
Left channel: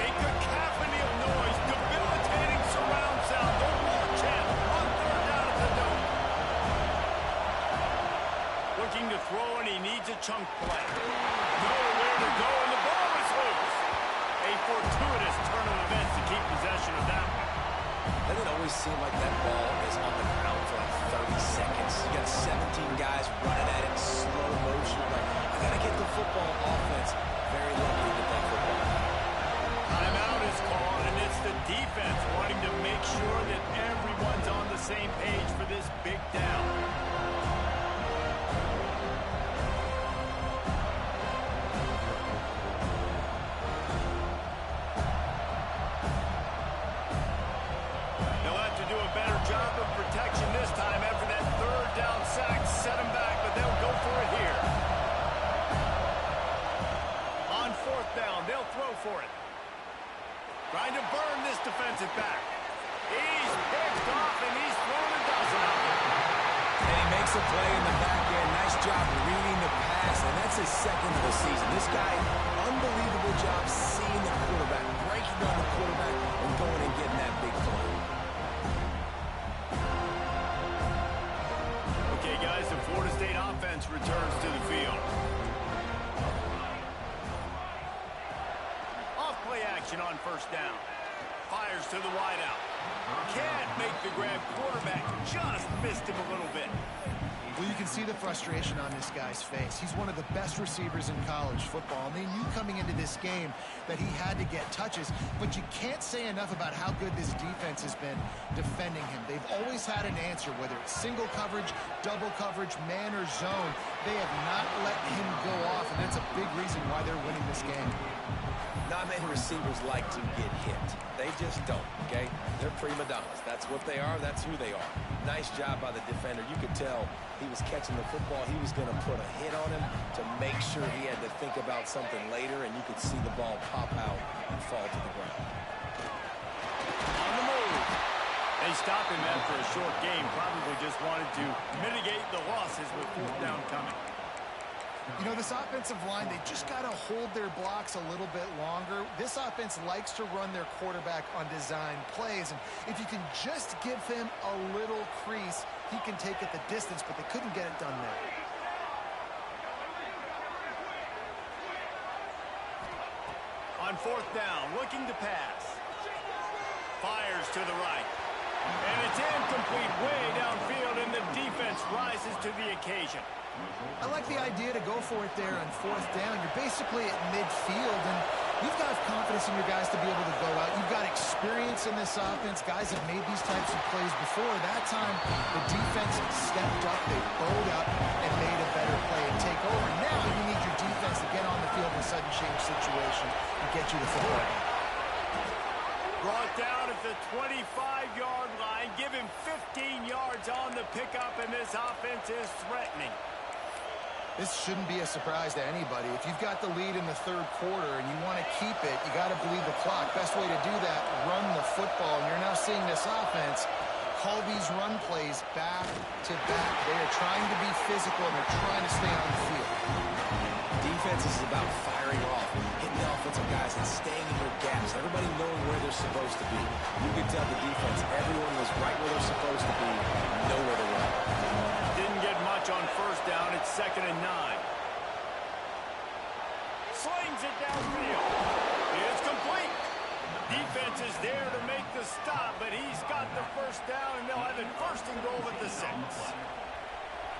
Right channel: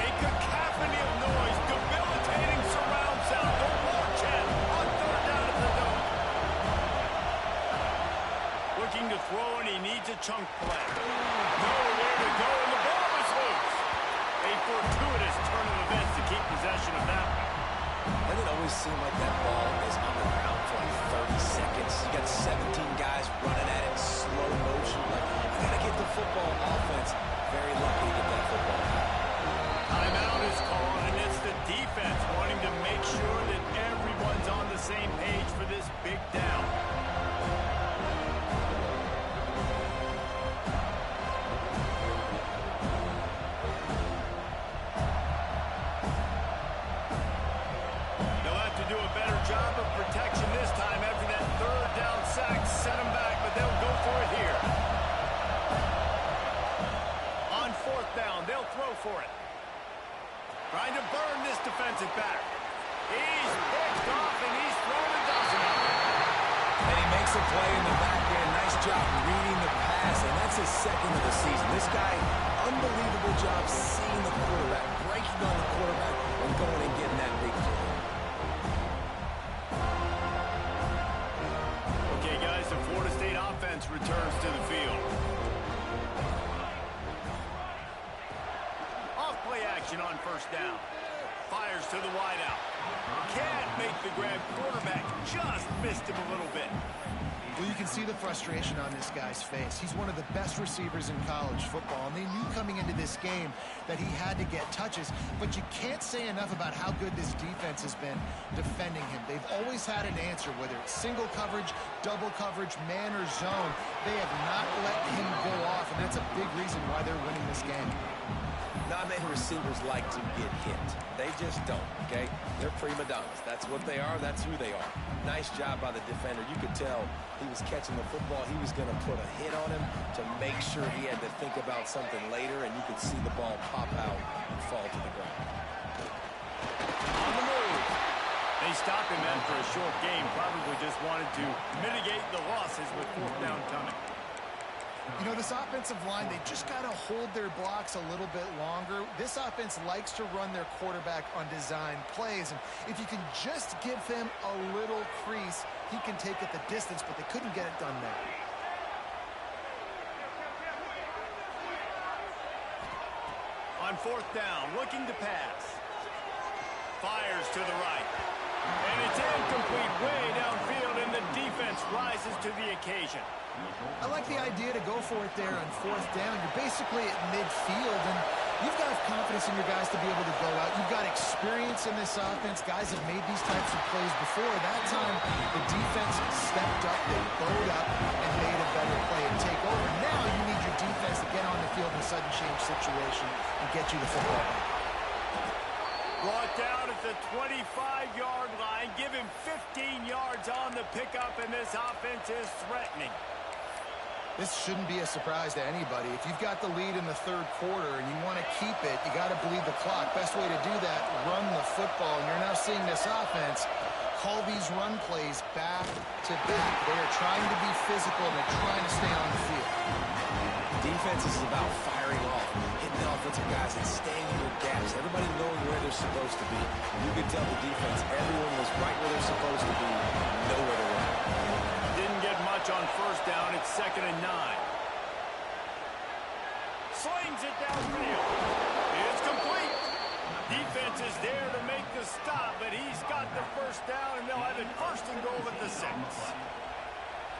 A cacophony of noise, debilitating surround sound. The war chant on 3rd down at the Dome. Looking to throw, and he needs a chunk play. Nowhere to go, and the ball is loose. A fortuitous turn of events to keep possession of that one. Doesn't it always seem like that ball is on the ground for like 30 seconds? You got 17 guys running at it in slow motion. Like, I got to get the football. Offense very lucky to get that football. Timeout is called, and it's the defense wanting to make sure that everyone's on the same page for this big down. for it. Trying to burn this defensive back. He's picked off, and he's thrown a dozen of them. And he makes a play in the back end. Nice job reading the pass, and that's his second of the season. This guy, unbelievable job seeing the quarterback, breaking on the quarterback, and going and getting that big play. Okay, guys, the Florida State offense returns to the field. Off-play action on first down. Fires to the wideout. Can't make the grab. Quarterback just missed him a little bit. Well, you can see the frustration on this guy's face. He's one of the best receivers in college football, and they knew coming into this game that he had to get touches, but you can't say enough about how good this defense has been defending him. They've always had an answer, whether it's single coverage, double coverage, man or zone. They have not let him go off, and that's a big reason why they're winning this game. Not many receivers like to get hit. They just don't, okay? They're prima donnas. That's what they are. That's who they are. Nice job by the defender. You could tell he was catching the football. He was going to put a hit on him to make sure he had to think about something later, and you could see the ball pop out and fall to the ground. On the move. They stopped him after a short game. Probably just wanted to mitigate the losses with fourth down coming. You know, this offensive line, they just got to hold their blocks a little bit longer. This offense likes to run their quarterback on design plays, and if you can just give him a little crease, he can take it the distance, but they couldn't get it done there. On fourth down, looking to pass. Fires to the right. And it's incomplete way downfield, and the defense rises to the occasion. I like the idea to go for it there on fourth down. You're basically at midfield, and you've got confidence in your guys to be able to go out. You've got experience in this offense. Guys have made these types of plays before. That time, the defense stepped up, they bowed up, and made a better play and take over. Now you need your defense to get on the field in a sudden change situation and get you the football back. Brought down at the 25-yard line. Give him 15 yards on the pickup, and this offense is threatening. This shouldn't be a surprise to anybody. If you've got the lead in the third quarter and you want to keep it, you got to bleed the clock. Best way to do that, run the football. And you're now seeing this offense call these run plays back to back. They are trying to be physical, and they're trying to stay on the field. Defense is about firing off, hitting the offensive guys, and staying in your gaps. Everybody knowing where they're supposed to be. You could tell the defense, everyone was right where they're supposed to be, nowhere to run. Didn't get much on first down. It's 2nd and 9. Slings it downfield. It's complete. Defense is there to make the stop, but he's got the first down, and they'll have it 1st and goal at the 6.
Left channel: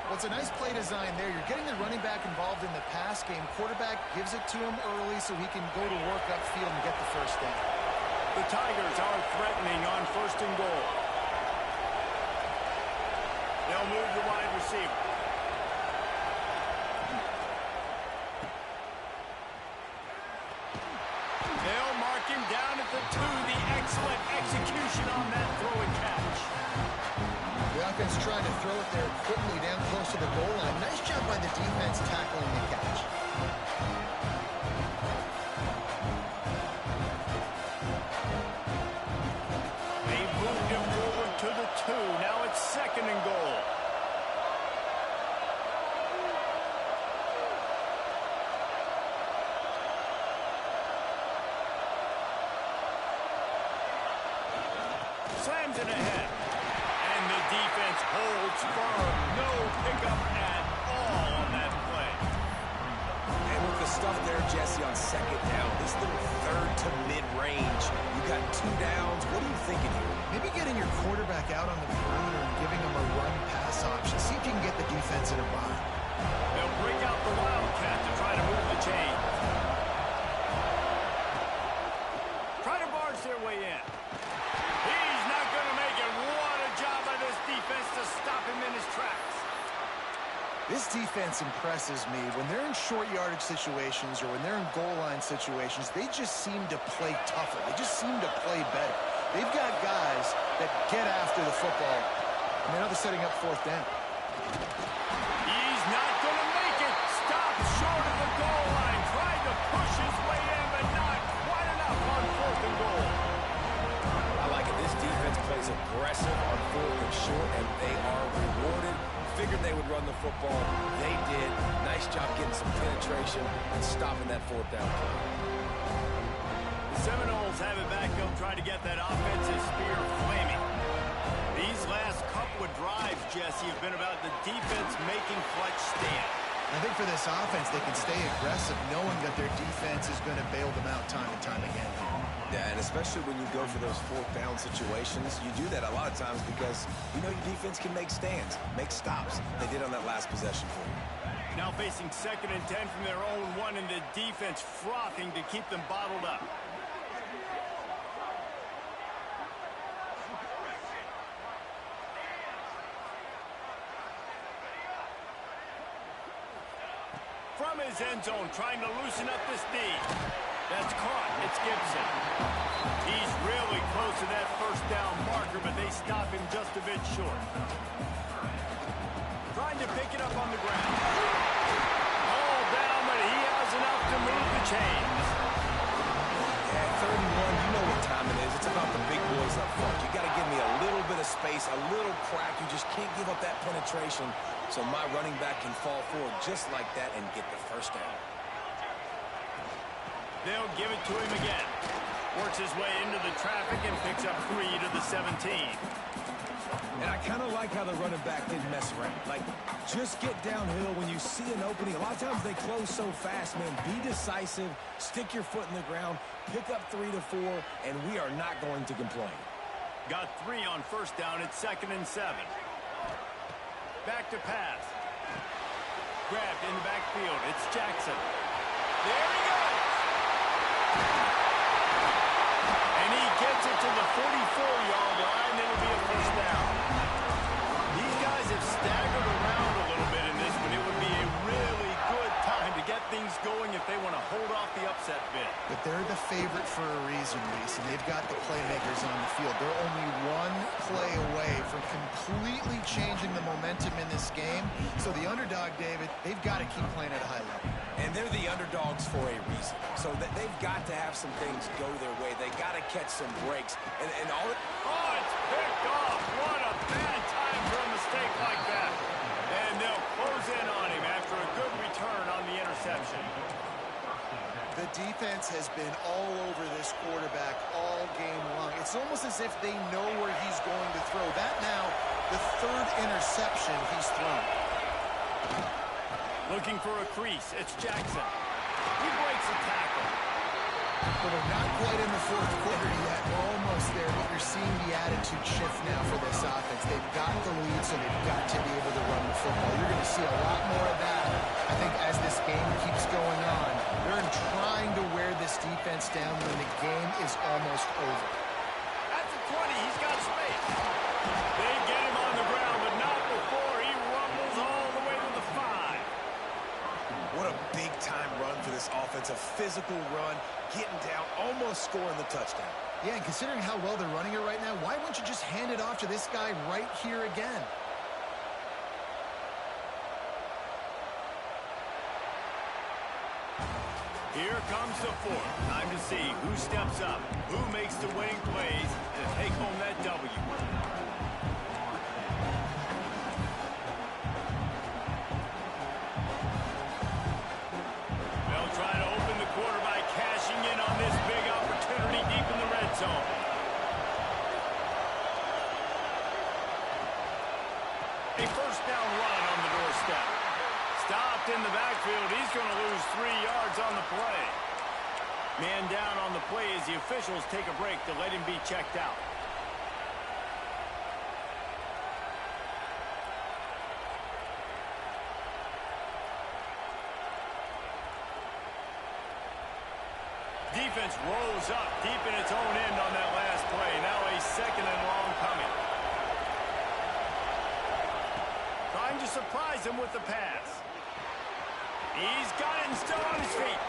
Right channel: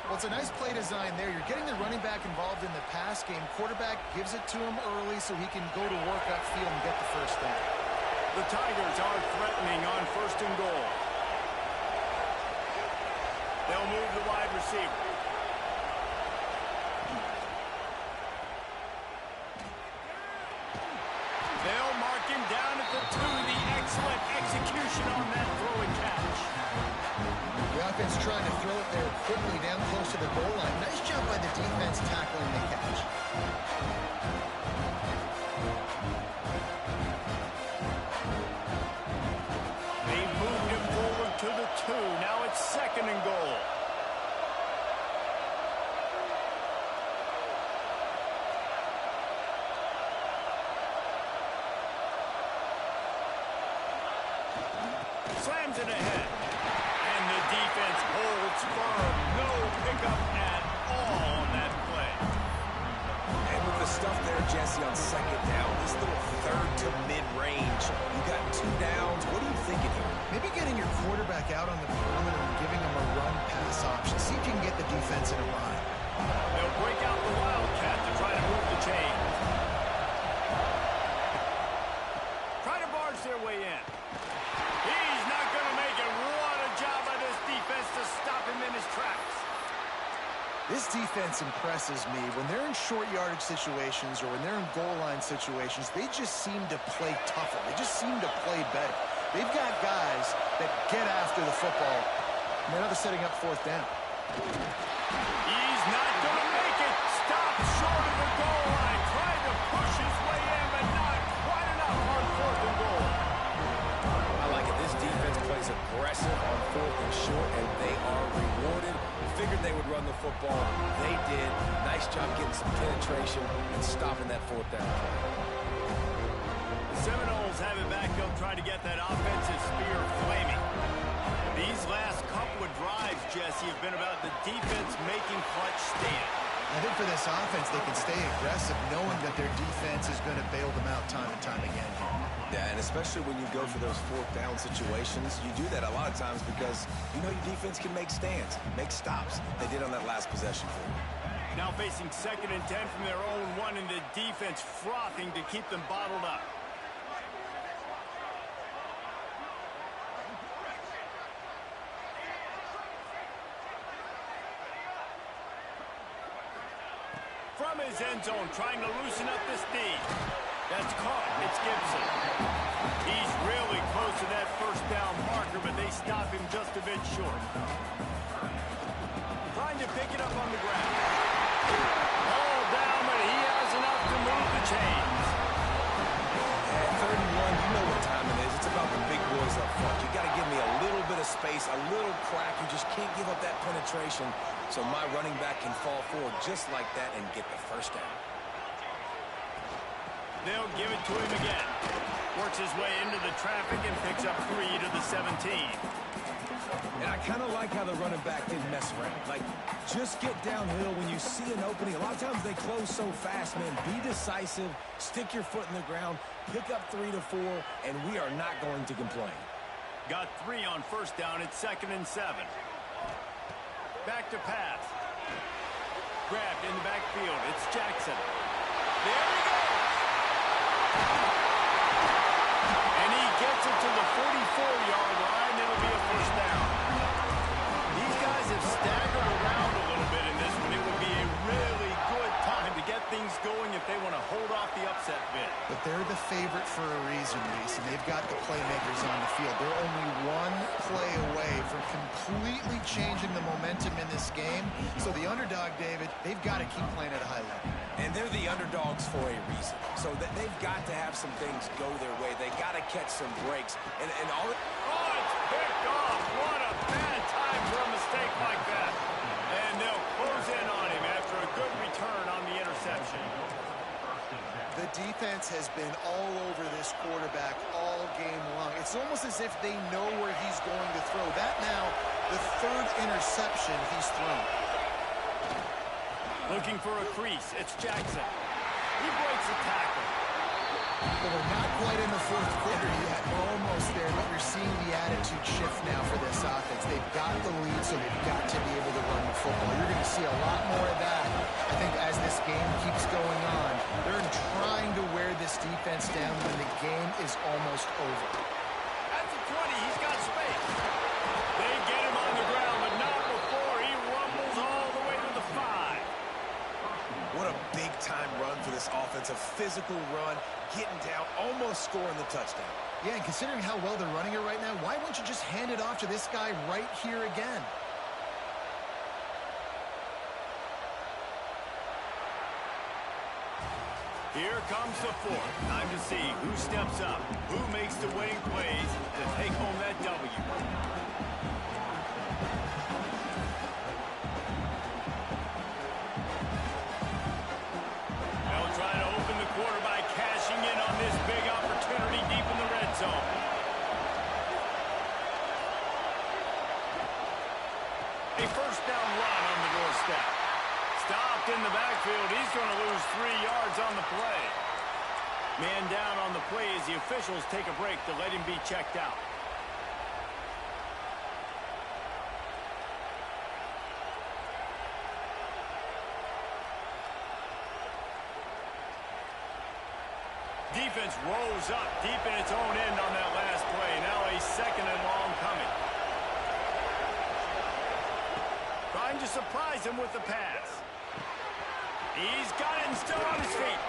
Well, it's a nice play design there. You're getting the running back involved in the pass game. Quarterback gives it to him early so he can go to work upfield and get the first down. The Tigers are threatening on 1st and goal. They'll move the wide receiver. They'll mark him down at the 2. The excellent execution on that throw and catch. The offense trying to throw it there quickly down close to the goal line. Nice job by the defense tackling the catch. They've moved him forward to the 2. Now it's 2nd and goal. Slams it ahead. And the defense holds firm. No pickup at all on that play. And with the stuff there, Jesse, on 2nd down, this little 3rd to mid-range, you got 2 downs. What are you thinking here? Maybe getting your quarterback out on the perimeter and giving him a run-pass option. See if you can get the defense in a bind. They'll break out the Wildcat to try to move the chains. Try to barge their way in. He's not going to make it. What a job by this defense to stop him in his tracks. This defense impresses me. When they're in short yardage situations or when they're in goal line situations, they just seem to play tougher. They just seem to play better. They've got guys that get after the football. And now they're setting up 4th down. He's not going to make it. Stopped short of the goal line. Tried to push his way in, but not quite they would run the football. They did. Nice job getting some penetration and stopping that fourth down play. The Seminoles have it back. They'll try to get that offensive spear flaming. These last couple of drives, Jesse, have been about the defense making clutch stand. I think for this offense, they can stay aggressive knowing that their defense is going to bail them out time and time again here. Yeah, and especially when you go for those fourth down situations, you do that a lot of times because you know your defense can make stands, make stops. They did on that last possession for you. Now facing 2nd and 10 from their own 1, and the defense frothing to keep them bottled up. From his end zone, trying to loosen up this D. That's caught. It's Gibson. He's really close to that first down marker, but they stop him just a bit short. Trying to pick it up on the ground. All down, but he has enough to move the chains. Yeah, 3rd and 1, you know what time it is. It's about the big boys up front. You got to give me a little bit of space, a little crack. You just can't give up that penetration, so my running back can fall forward just like that and get the first down. They'll give it to him again. Works his way into the traffic and picks up 3 to the 17. And I kind of like how the running back didn't mess around. Like, just get downhill when you see an opening. A lot of times they close so fast, man. Be decisive, stick your foot in the ground, pick up 3 to 4, and we are not going to complain. Got 3 on first down. It's 2nd and 7. Back to pass. Grabbed in the backfield. It's Jackson. There he goes. And he gets it to the 44-yard line. It'll be a first down. These guys have staggered around a little bit in this one. It would be a really good time to get things going if they want to hold off the upset bid. But they're the favorite for a reason, Reese, and they've got the playmakers on the field. They're only one play away from completely changing the momentum in this game. So the underdog, David, they've got to keep playing at a high level. And they're the underdogs for a reason. So they've got to have some things go their way. They got to catch some breaks. And all. Oh, it's picked off. What a bad time for a mistake like that. And they'll close in on him after a good return on the interception. The defense has been all over this quarterback all game long. It's almost as if they know where he's going to throw. That now, the 3rd interception he's thrown. Looking for a crease. It's Jackson. He breaks a tackle. Well, we're not quite in the 4th quarter yet. We're almost there, but you're seeing the attitude shift now for this offense. They've got the lead, so they've got to be able to run the football. You're going to see a lot more of that, I think, as this game keeps going on. They're trying to wear this defense down when the game is almost over. At the 20, he's got space. They get him on the ground, but not before he rumbles all the way to the 5. What a big-time run for this offense. A physical run, getting down, almost scoring the touchdown. Yeah, and considering how well they're running it right now, why wouldn't you just hand it off to this guy right here again? Here comes the 4th. Time to see who steps up, who makes the winning plays to take home that W. They'll try to open the quarter by cashing in on this big opportunity deep in the red zone. A first down run on the doorstep. Stopped in the backfield. He's going to lose 3 yards on the play. Man down on the play as the officials take a break to let him be checked out. Defense rose up deep in its own end on that last play. Now a 2nd and long coming. Trying to surprise him with the pass. He's got it and still on his feet.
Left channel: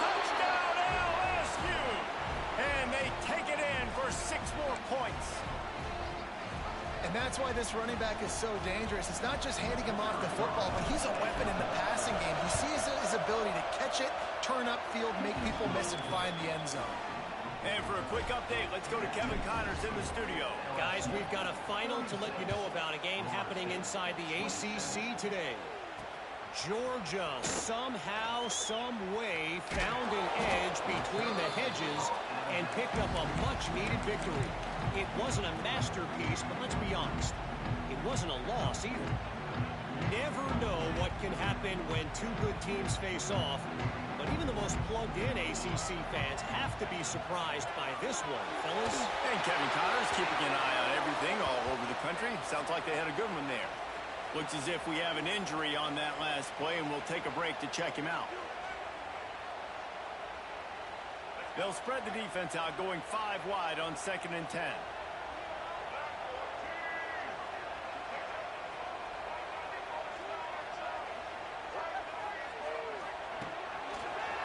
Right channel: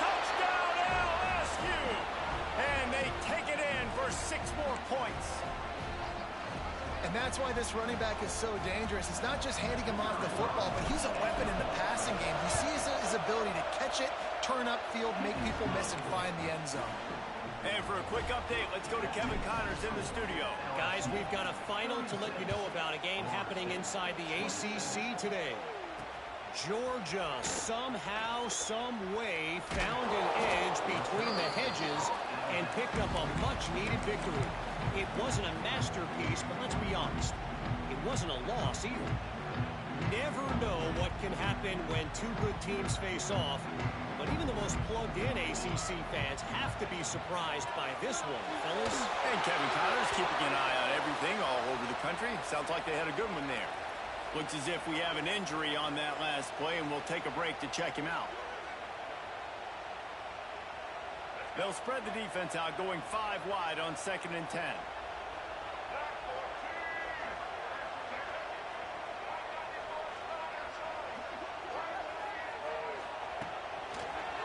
Touchdown LSU! And they take it in for 6 more points. And that's why this running back is so dangerous. It's not just handing him off the football, but he's a weapon in the passing game. You see his ability to catch it, turn upfield, make people miss, and find the end zone. And for a quick update, let's go to Kevin Connors in the studio. Guys, we've got a final to let you know about, a game happening inside the ACC today. Georgia somehow, some way found an edge between the hedges and picked up a much-needed victory. It wasn't a masterpiece, but let's be honest, it wasn't a loss either. Never know what can happen when two good teams face off, but even the most plugged-in ACC fans have to be surprised by this one, fellas. And Kevin Connors keeping an eye on everything all over the country. Sounds like they had a good one there. Looks as if we have an injury on that last play, and we'll take a break to check him out. They'll spread the defense out, going 5 wide on 2nd and 10.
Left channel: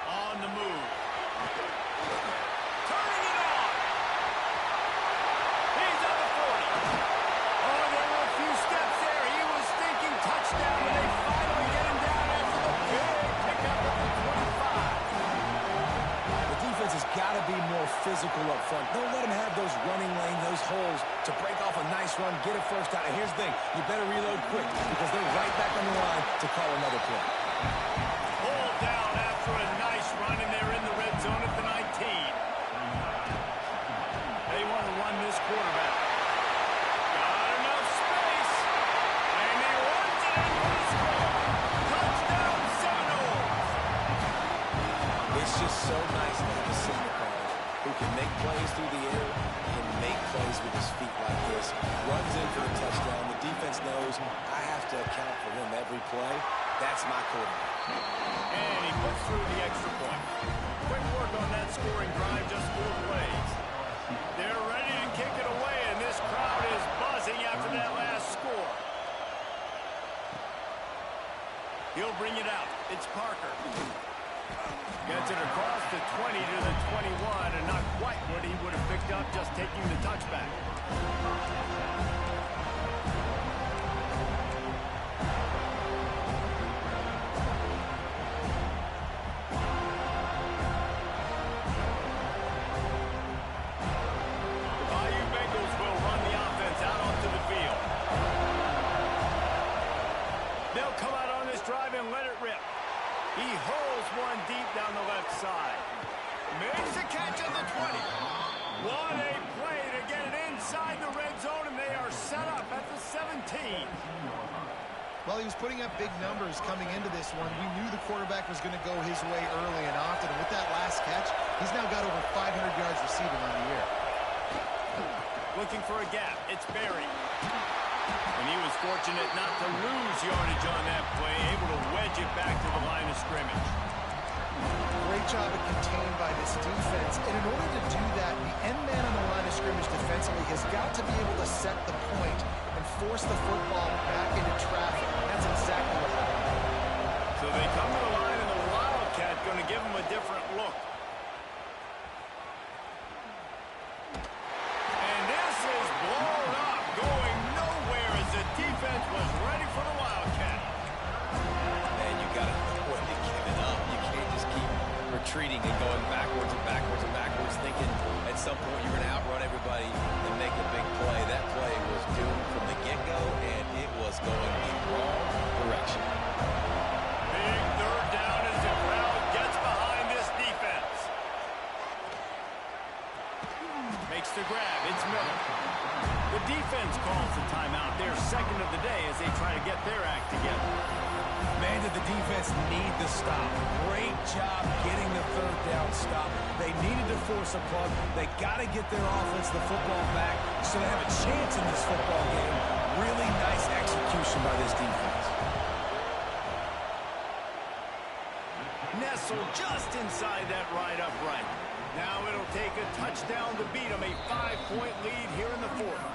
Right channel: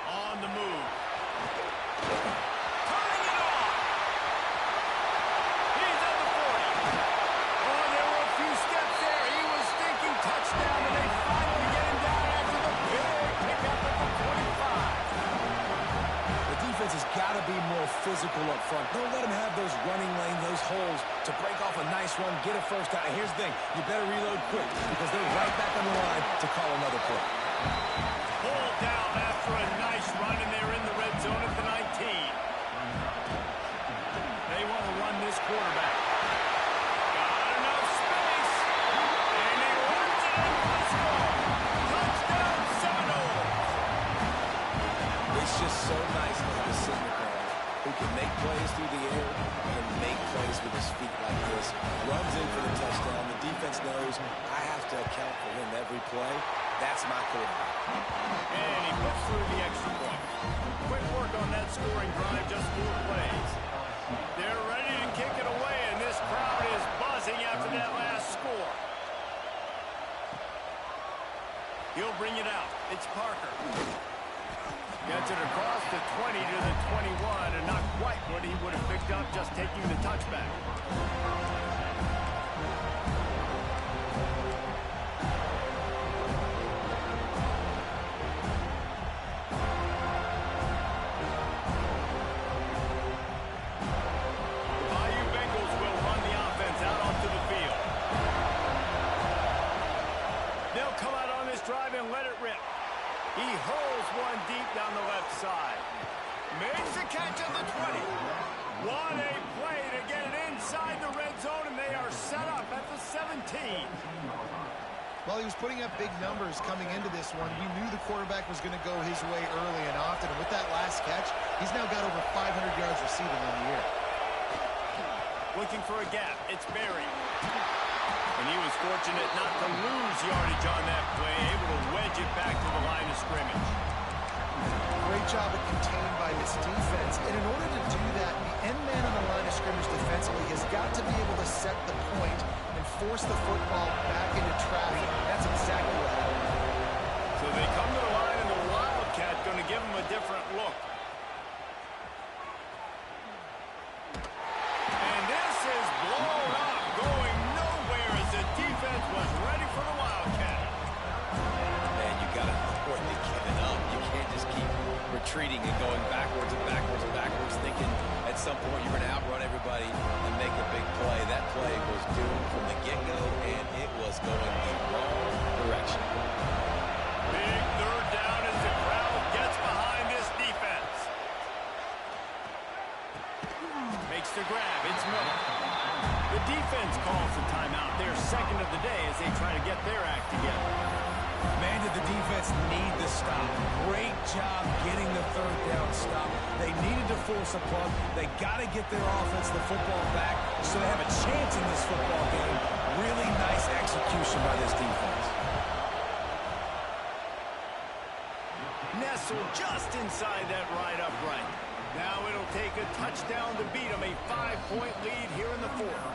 On the move. Turning it on. He's at the 40. Oh, there were a few steps there. He was thinking touchdown, and they finally get him down after the big pickup at the 25. The defense has got to be more physical up front. Don't let them have those running lanes, those holes to break off a nice run, get a first down. And here's the thing, you better reload quick because they're right back on the line to call another play. Pulled down after a nice run, and they're in the red zone at the 19. They want to run this quarterback. Got enough space, and he runs it in for the score. Touchdown, Seminoles. It's just so nice to have a signal caller who can make plays through the air and make plays with his feet like this. Runs in for the touchdown. The defense knows I have to account for him every play. That's my quarterback. And he puts through the extra point. Quick work on that scoring drive, just 4 plays. They're ready to kick it away, and this crowd is buzzing after that last score. He'll bring it out. It's Parker. Gets it across the 20 to the 21, and not quite what he would have picked up just taking the touchback. They'll come out on this drive and let it rip. He hurls one deep down the left side. Makes a catch at the 20. What a play to get it inside the red zone, and they are set up at the 17. Well, he was putting up big numbers coming into this one. We knew the quarterback was going to go his way early and often, and with that last catch, he's now got over 500 yards receiving on the year. Looking for a gap. It's Barry. And he was fortunate not to lose yardage on that play, able to wedge it back to the line of scrimmage. Great job of contained by this defense. And in order to do that, the end man on the line of scrimmage defensively has got to be able to set the point and force the football back into traffic. That's exactly what happened. So they come to the line, and the Wildcat going to give them a different look. And this is blown up, going nowhere as the defense was ready for the Wildcat. Man, you got to know when to give it up. You can't just keep retreating and going backwards and backwards and backwards, thinking at some point you're going to outrun everybody and make a big play. That play was doomed from the get-go, and it was going the wrong direction. Big third down as the crowd gets behind this defense. Makes the grab. It's Miller. The defense calls the timeout. Their second of the day as they try to get their act together. Man, did the defense need the stop. Great job getting the third down stop. They needed to force a punt. They got to get their offense the football back so they have a chance in this football game. Really nice execution by this defense. Nestled just inside that right upright. Now it'll take a touchdown to beat them. A 5-point lead here in the fourth.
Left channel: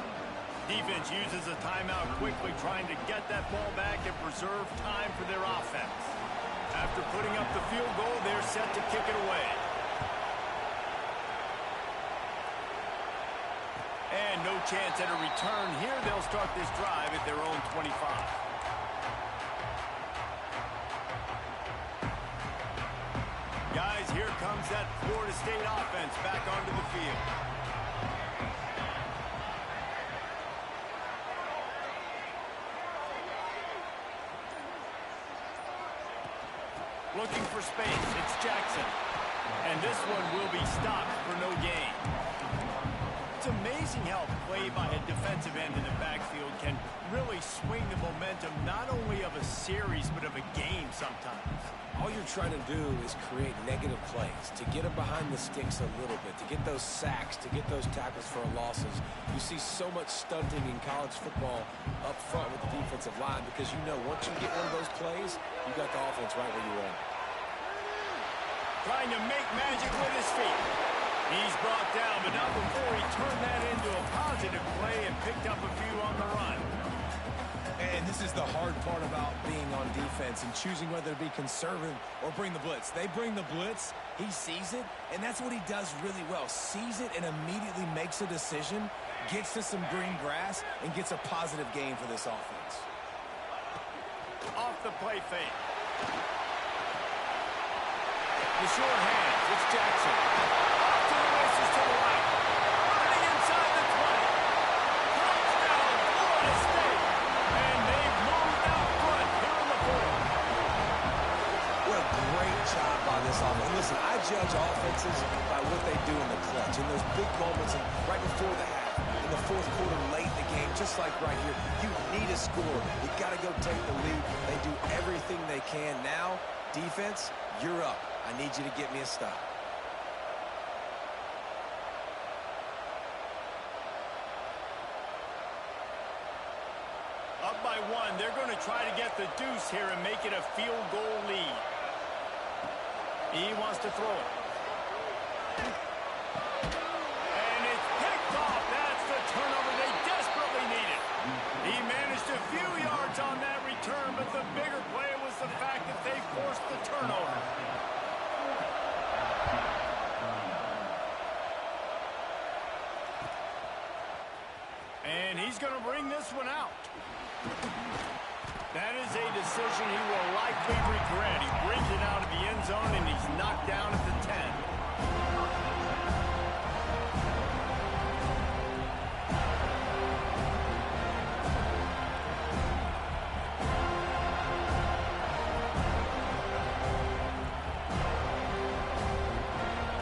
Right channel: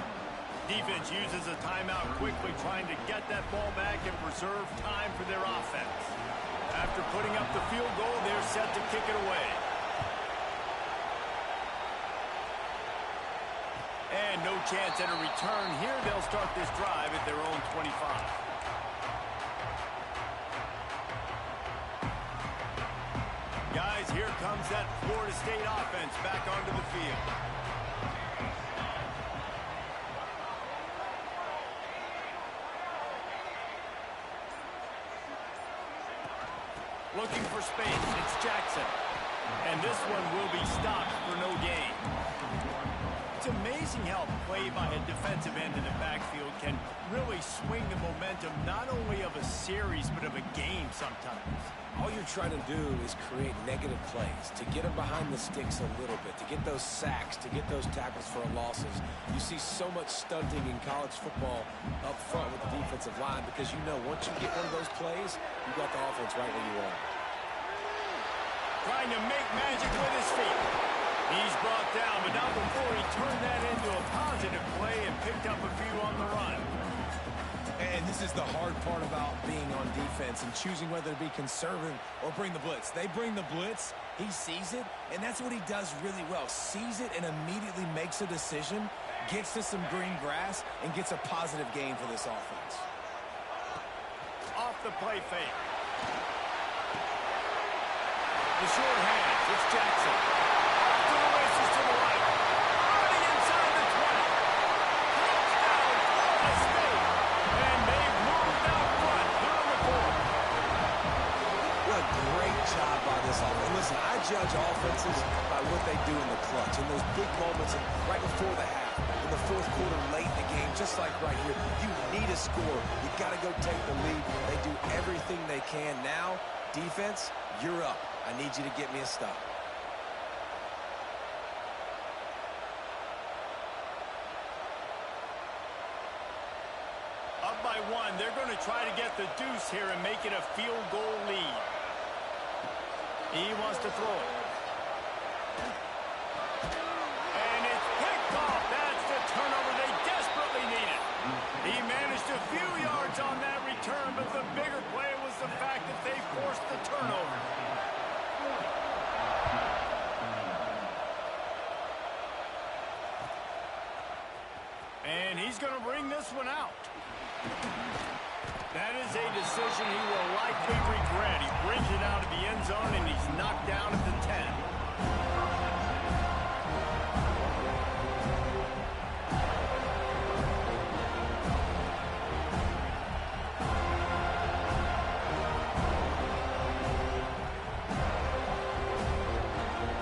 Defense uses a timeout quickly, trying to get that ball back and preserve time for their offense. After putting up the field goal, they're set to kick it away. And no chance at a return here. They'll start this drive at their own 25. Guys, here comes that Florida State offense back onto the field. Looking for space. It's Jackson. And this one will be stopped for no gain. It's amazing how play by a defensive end in the backfield can really swing the momentum not only of a series but of a game sometimes. All you're trying to do is create negative plays, to get them behind the sticks a little bit, to get those sacks, to get those tackles for losses. You see so much stunting in college football up front with the defensive line because you know once you get one of those plays, you got the offense right where you want it. Trying to make magic with his feet. He's brought down, but not before he turned that into a positive play and picked up a few on the run. And this is the hard part about being on defense and choosing whether to be conservative or bring the blitz. They bring the blitz, he sees it, and that's what he does really well. Sees it and immediately makes a decision, gets to some green grass, and gets a positive gain for this offense. Off the play fake. The short hands, it's Jackson. Off to the races to the right. Running inside the 20. Touchdown, Florida State. And they've moved out front here in the fourth. What a great job by this offense. And listen, I judge offenses by what they do in the clutch, in those big moments and right before the half, in the fourth quarter, late in the game, just like right here. You need a score. You got to go take the lead. They do everything they can. Now, defense, you're up. I need you to get me a stop. Up by one, they're going to try to get the deuce here and make it a field goal lead. He wants to throw it. And it's picked off. That's the turnover they desperately needed. He managed a few yards on that return, but the bigger play was the fact that they forced the turnover. And he's going to bring this one out. That is a decision he will likely regret. He brings it out of the end zone, and he's knocked down at the 10.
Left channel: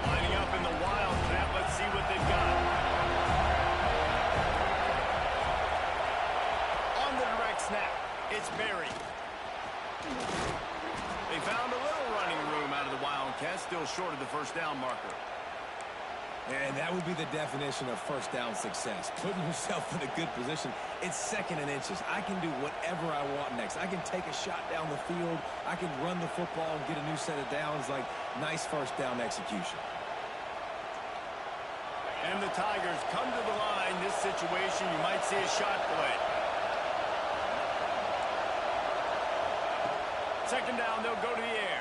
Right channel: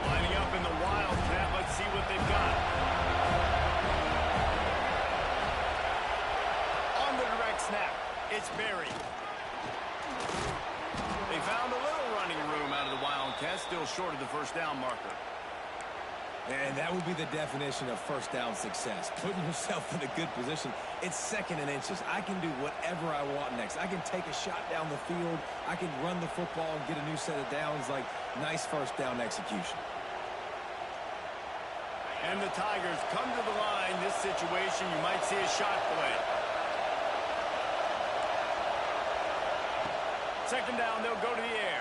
Lining up in the Wildcat. Let's see what they've got. On the direct snap. It's Berry. They found a little running room out of the Wildcats, still short of the first down marker. And that would be the definition of first down success. Putting yourself in a good position. It's second and inches. I can do whatever I want next. I can take a shot down the field. I can run the football and get a new set of downs. Like, nice first down execution. And the Tigers come to the line. This situation, you might see a shot play. Second down, they'll go to the air.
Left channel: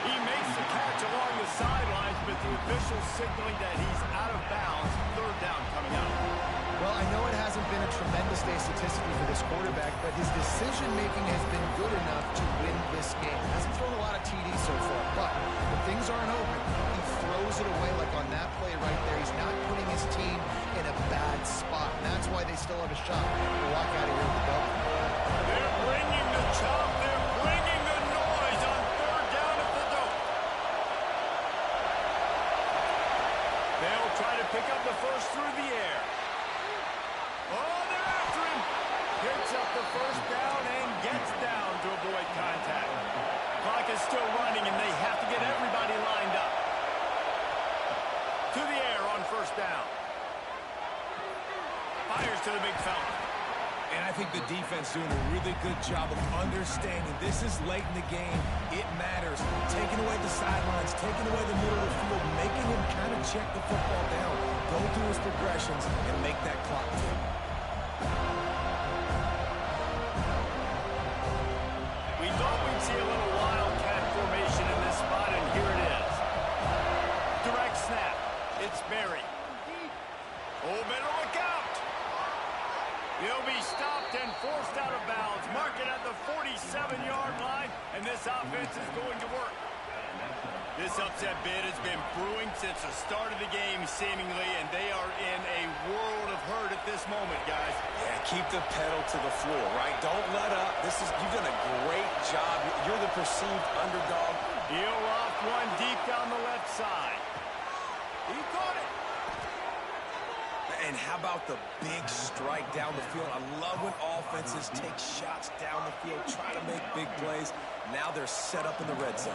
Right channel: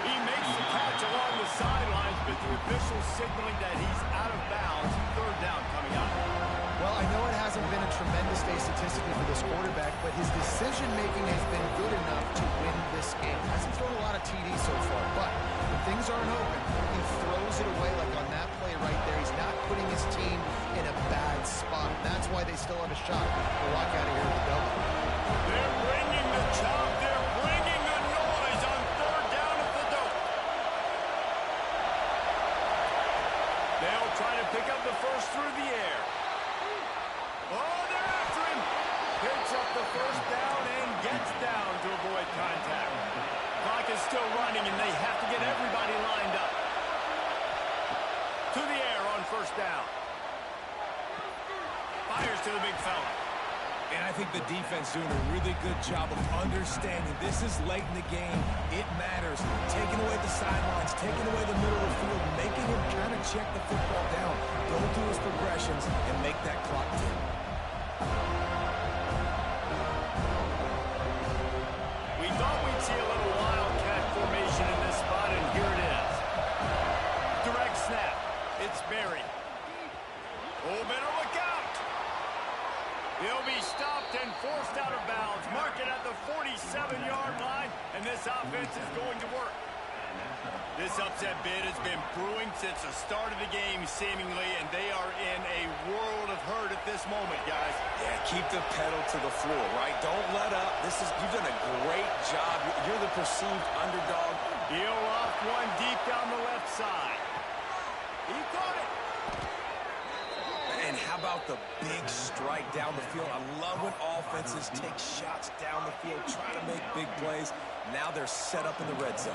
He makes the catch along the sidelines, but the official signaling that he's out of bounds. Third down coming up. Well, I know it hasn't been a tremendous day statistically for this quarterback, but his decision-making has been good enough to win this game. Hasn't thrown a lot of TDs so far, but when things aren't open, he throws it away like on that play right there. He's not putting his team in a bad spot. And that's why they still have a shot to walk out of here with a W. They're bringing the chop. They're bringing the noise on third down at the dope. They'll try to pick up the first through the air. Oh, they're after him. Picks up the first down and gets down to avoid contact. Clock is still running, and they have to get everybody lined up. To the air on first down. Fires to the big fella. And I think the defense doing a really good job of understanding this is late in the game. It matters. Taking away the sidelines, taking away the middle of the field, making him kind of check the football down, go through his progressions, and make that clock tick. We thought we'd see a little Wildcat formation in this spot, and here it is. Direct snap. It's Berry. Oh, better look out. He'll be stopped and forced out of bounds. Mark it at the 47-yard line, and this offense is going to work. This upset bid has been brewing since the start of the game, seemingly, and they are in a world of hurt at this moment, guys. Yeah, keep the pedal to the floor, right? Don't let up. You've done a great job. You're the perceived underdog. He'll off one deep down the left side. He caught it. And how about the big strike down the field? I love when offenses take shots down the field, try to make big plays. Now they're set up in the red zone.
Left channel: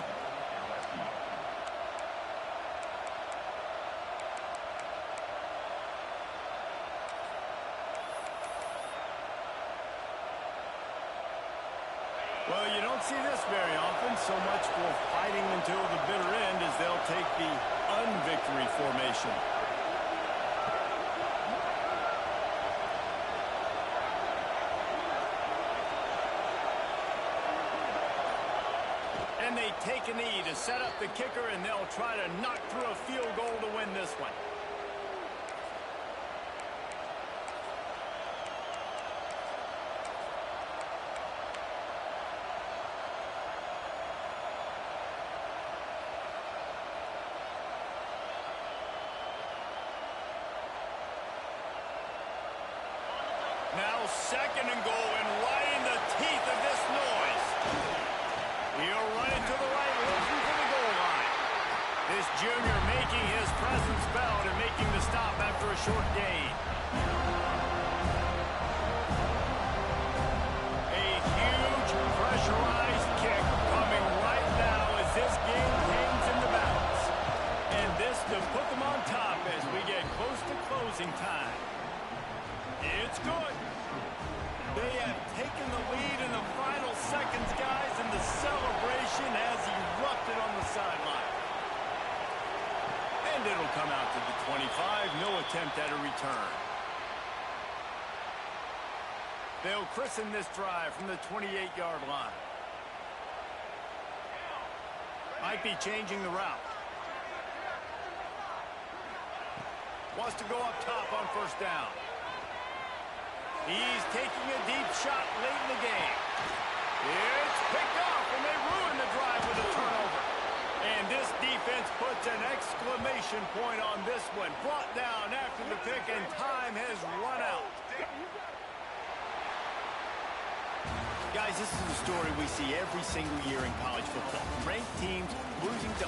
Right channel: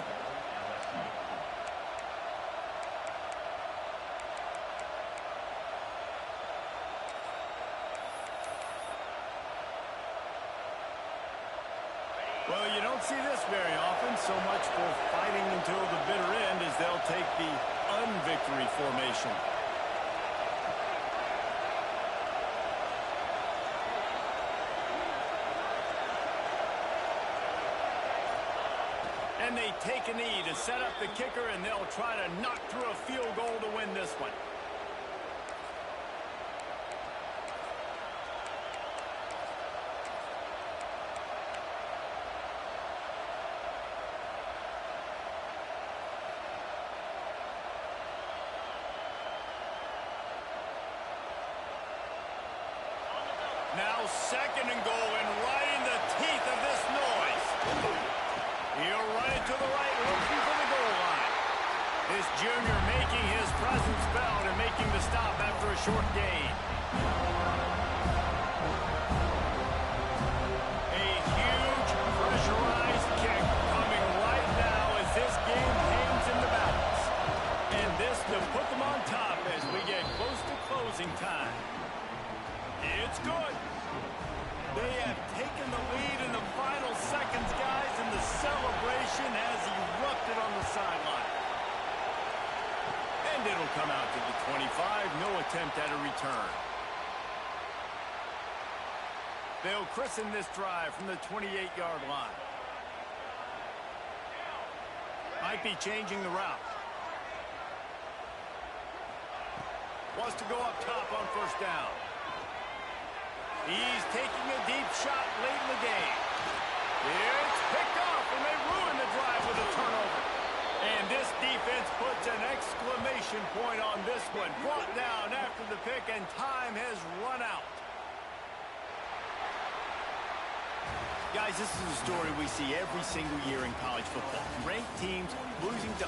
Well, you don't see this very often. So much for fighting until the bitter end as they'll take the unvictory formation. And they take a knee to set up the kicker, and they'll try to knock through a field goal to win this one. Now 2nd and goal, and right in the teeth of this noise. He'll run it to the right, looking for the goal line. This junior making his presence felt and making the stop after a short gain. A huge pressurized kick coming right now as this game hangs in the balance. And this to put them on top as we get close to closing time. It's good. They have taken the lead in the final seconds, guys, and the celebration has erupted on the sideline. And it'll come out to the 25. No attempt at a return. They'll christen this drive from the 28-yard line. Might be changing the route. Wants to go up top on 1st down. He's taking a deep shot late in the game. It's picked off, and they ruin the drive with a turnover. And this defense puts an exclamation point on this one. Brought down after the pick, and time has run out. Guys, this is a story we see every single year in college football. Ranked teams losing to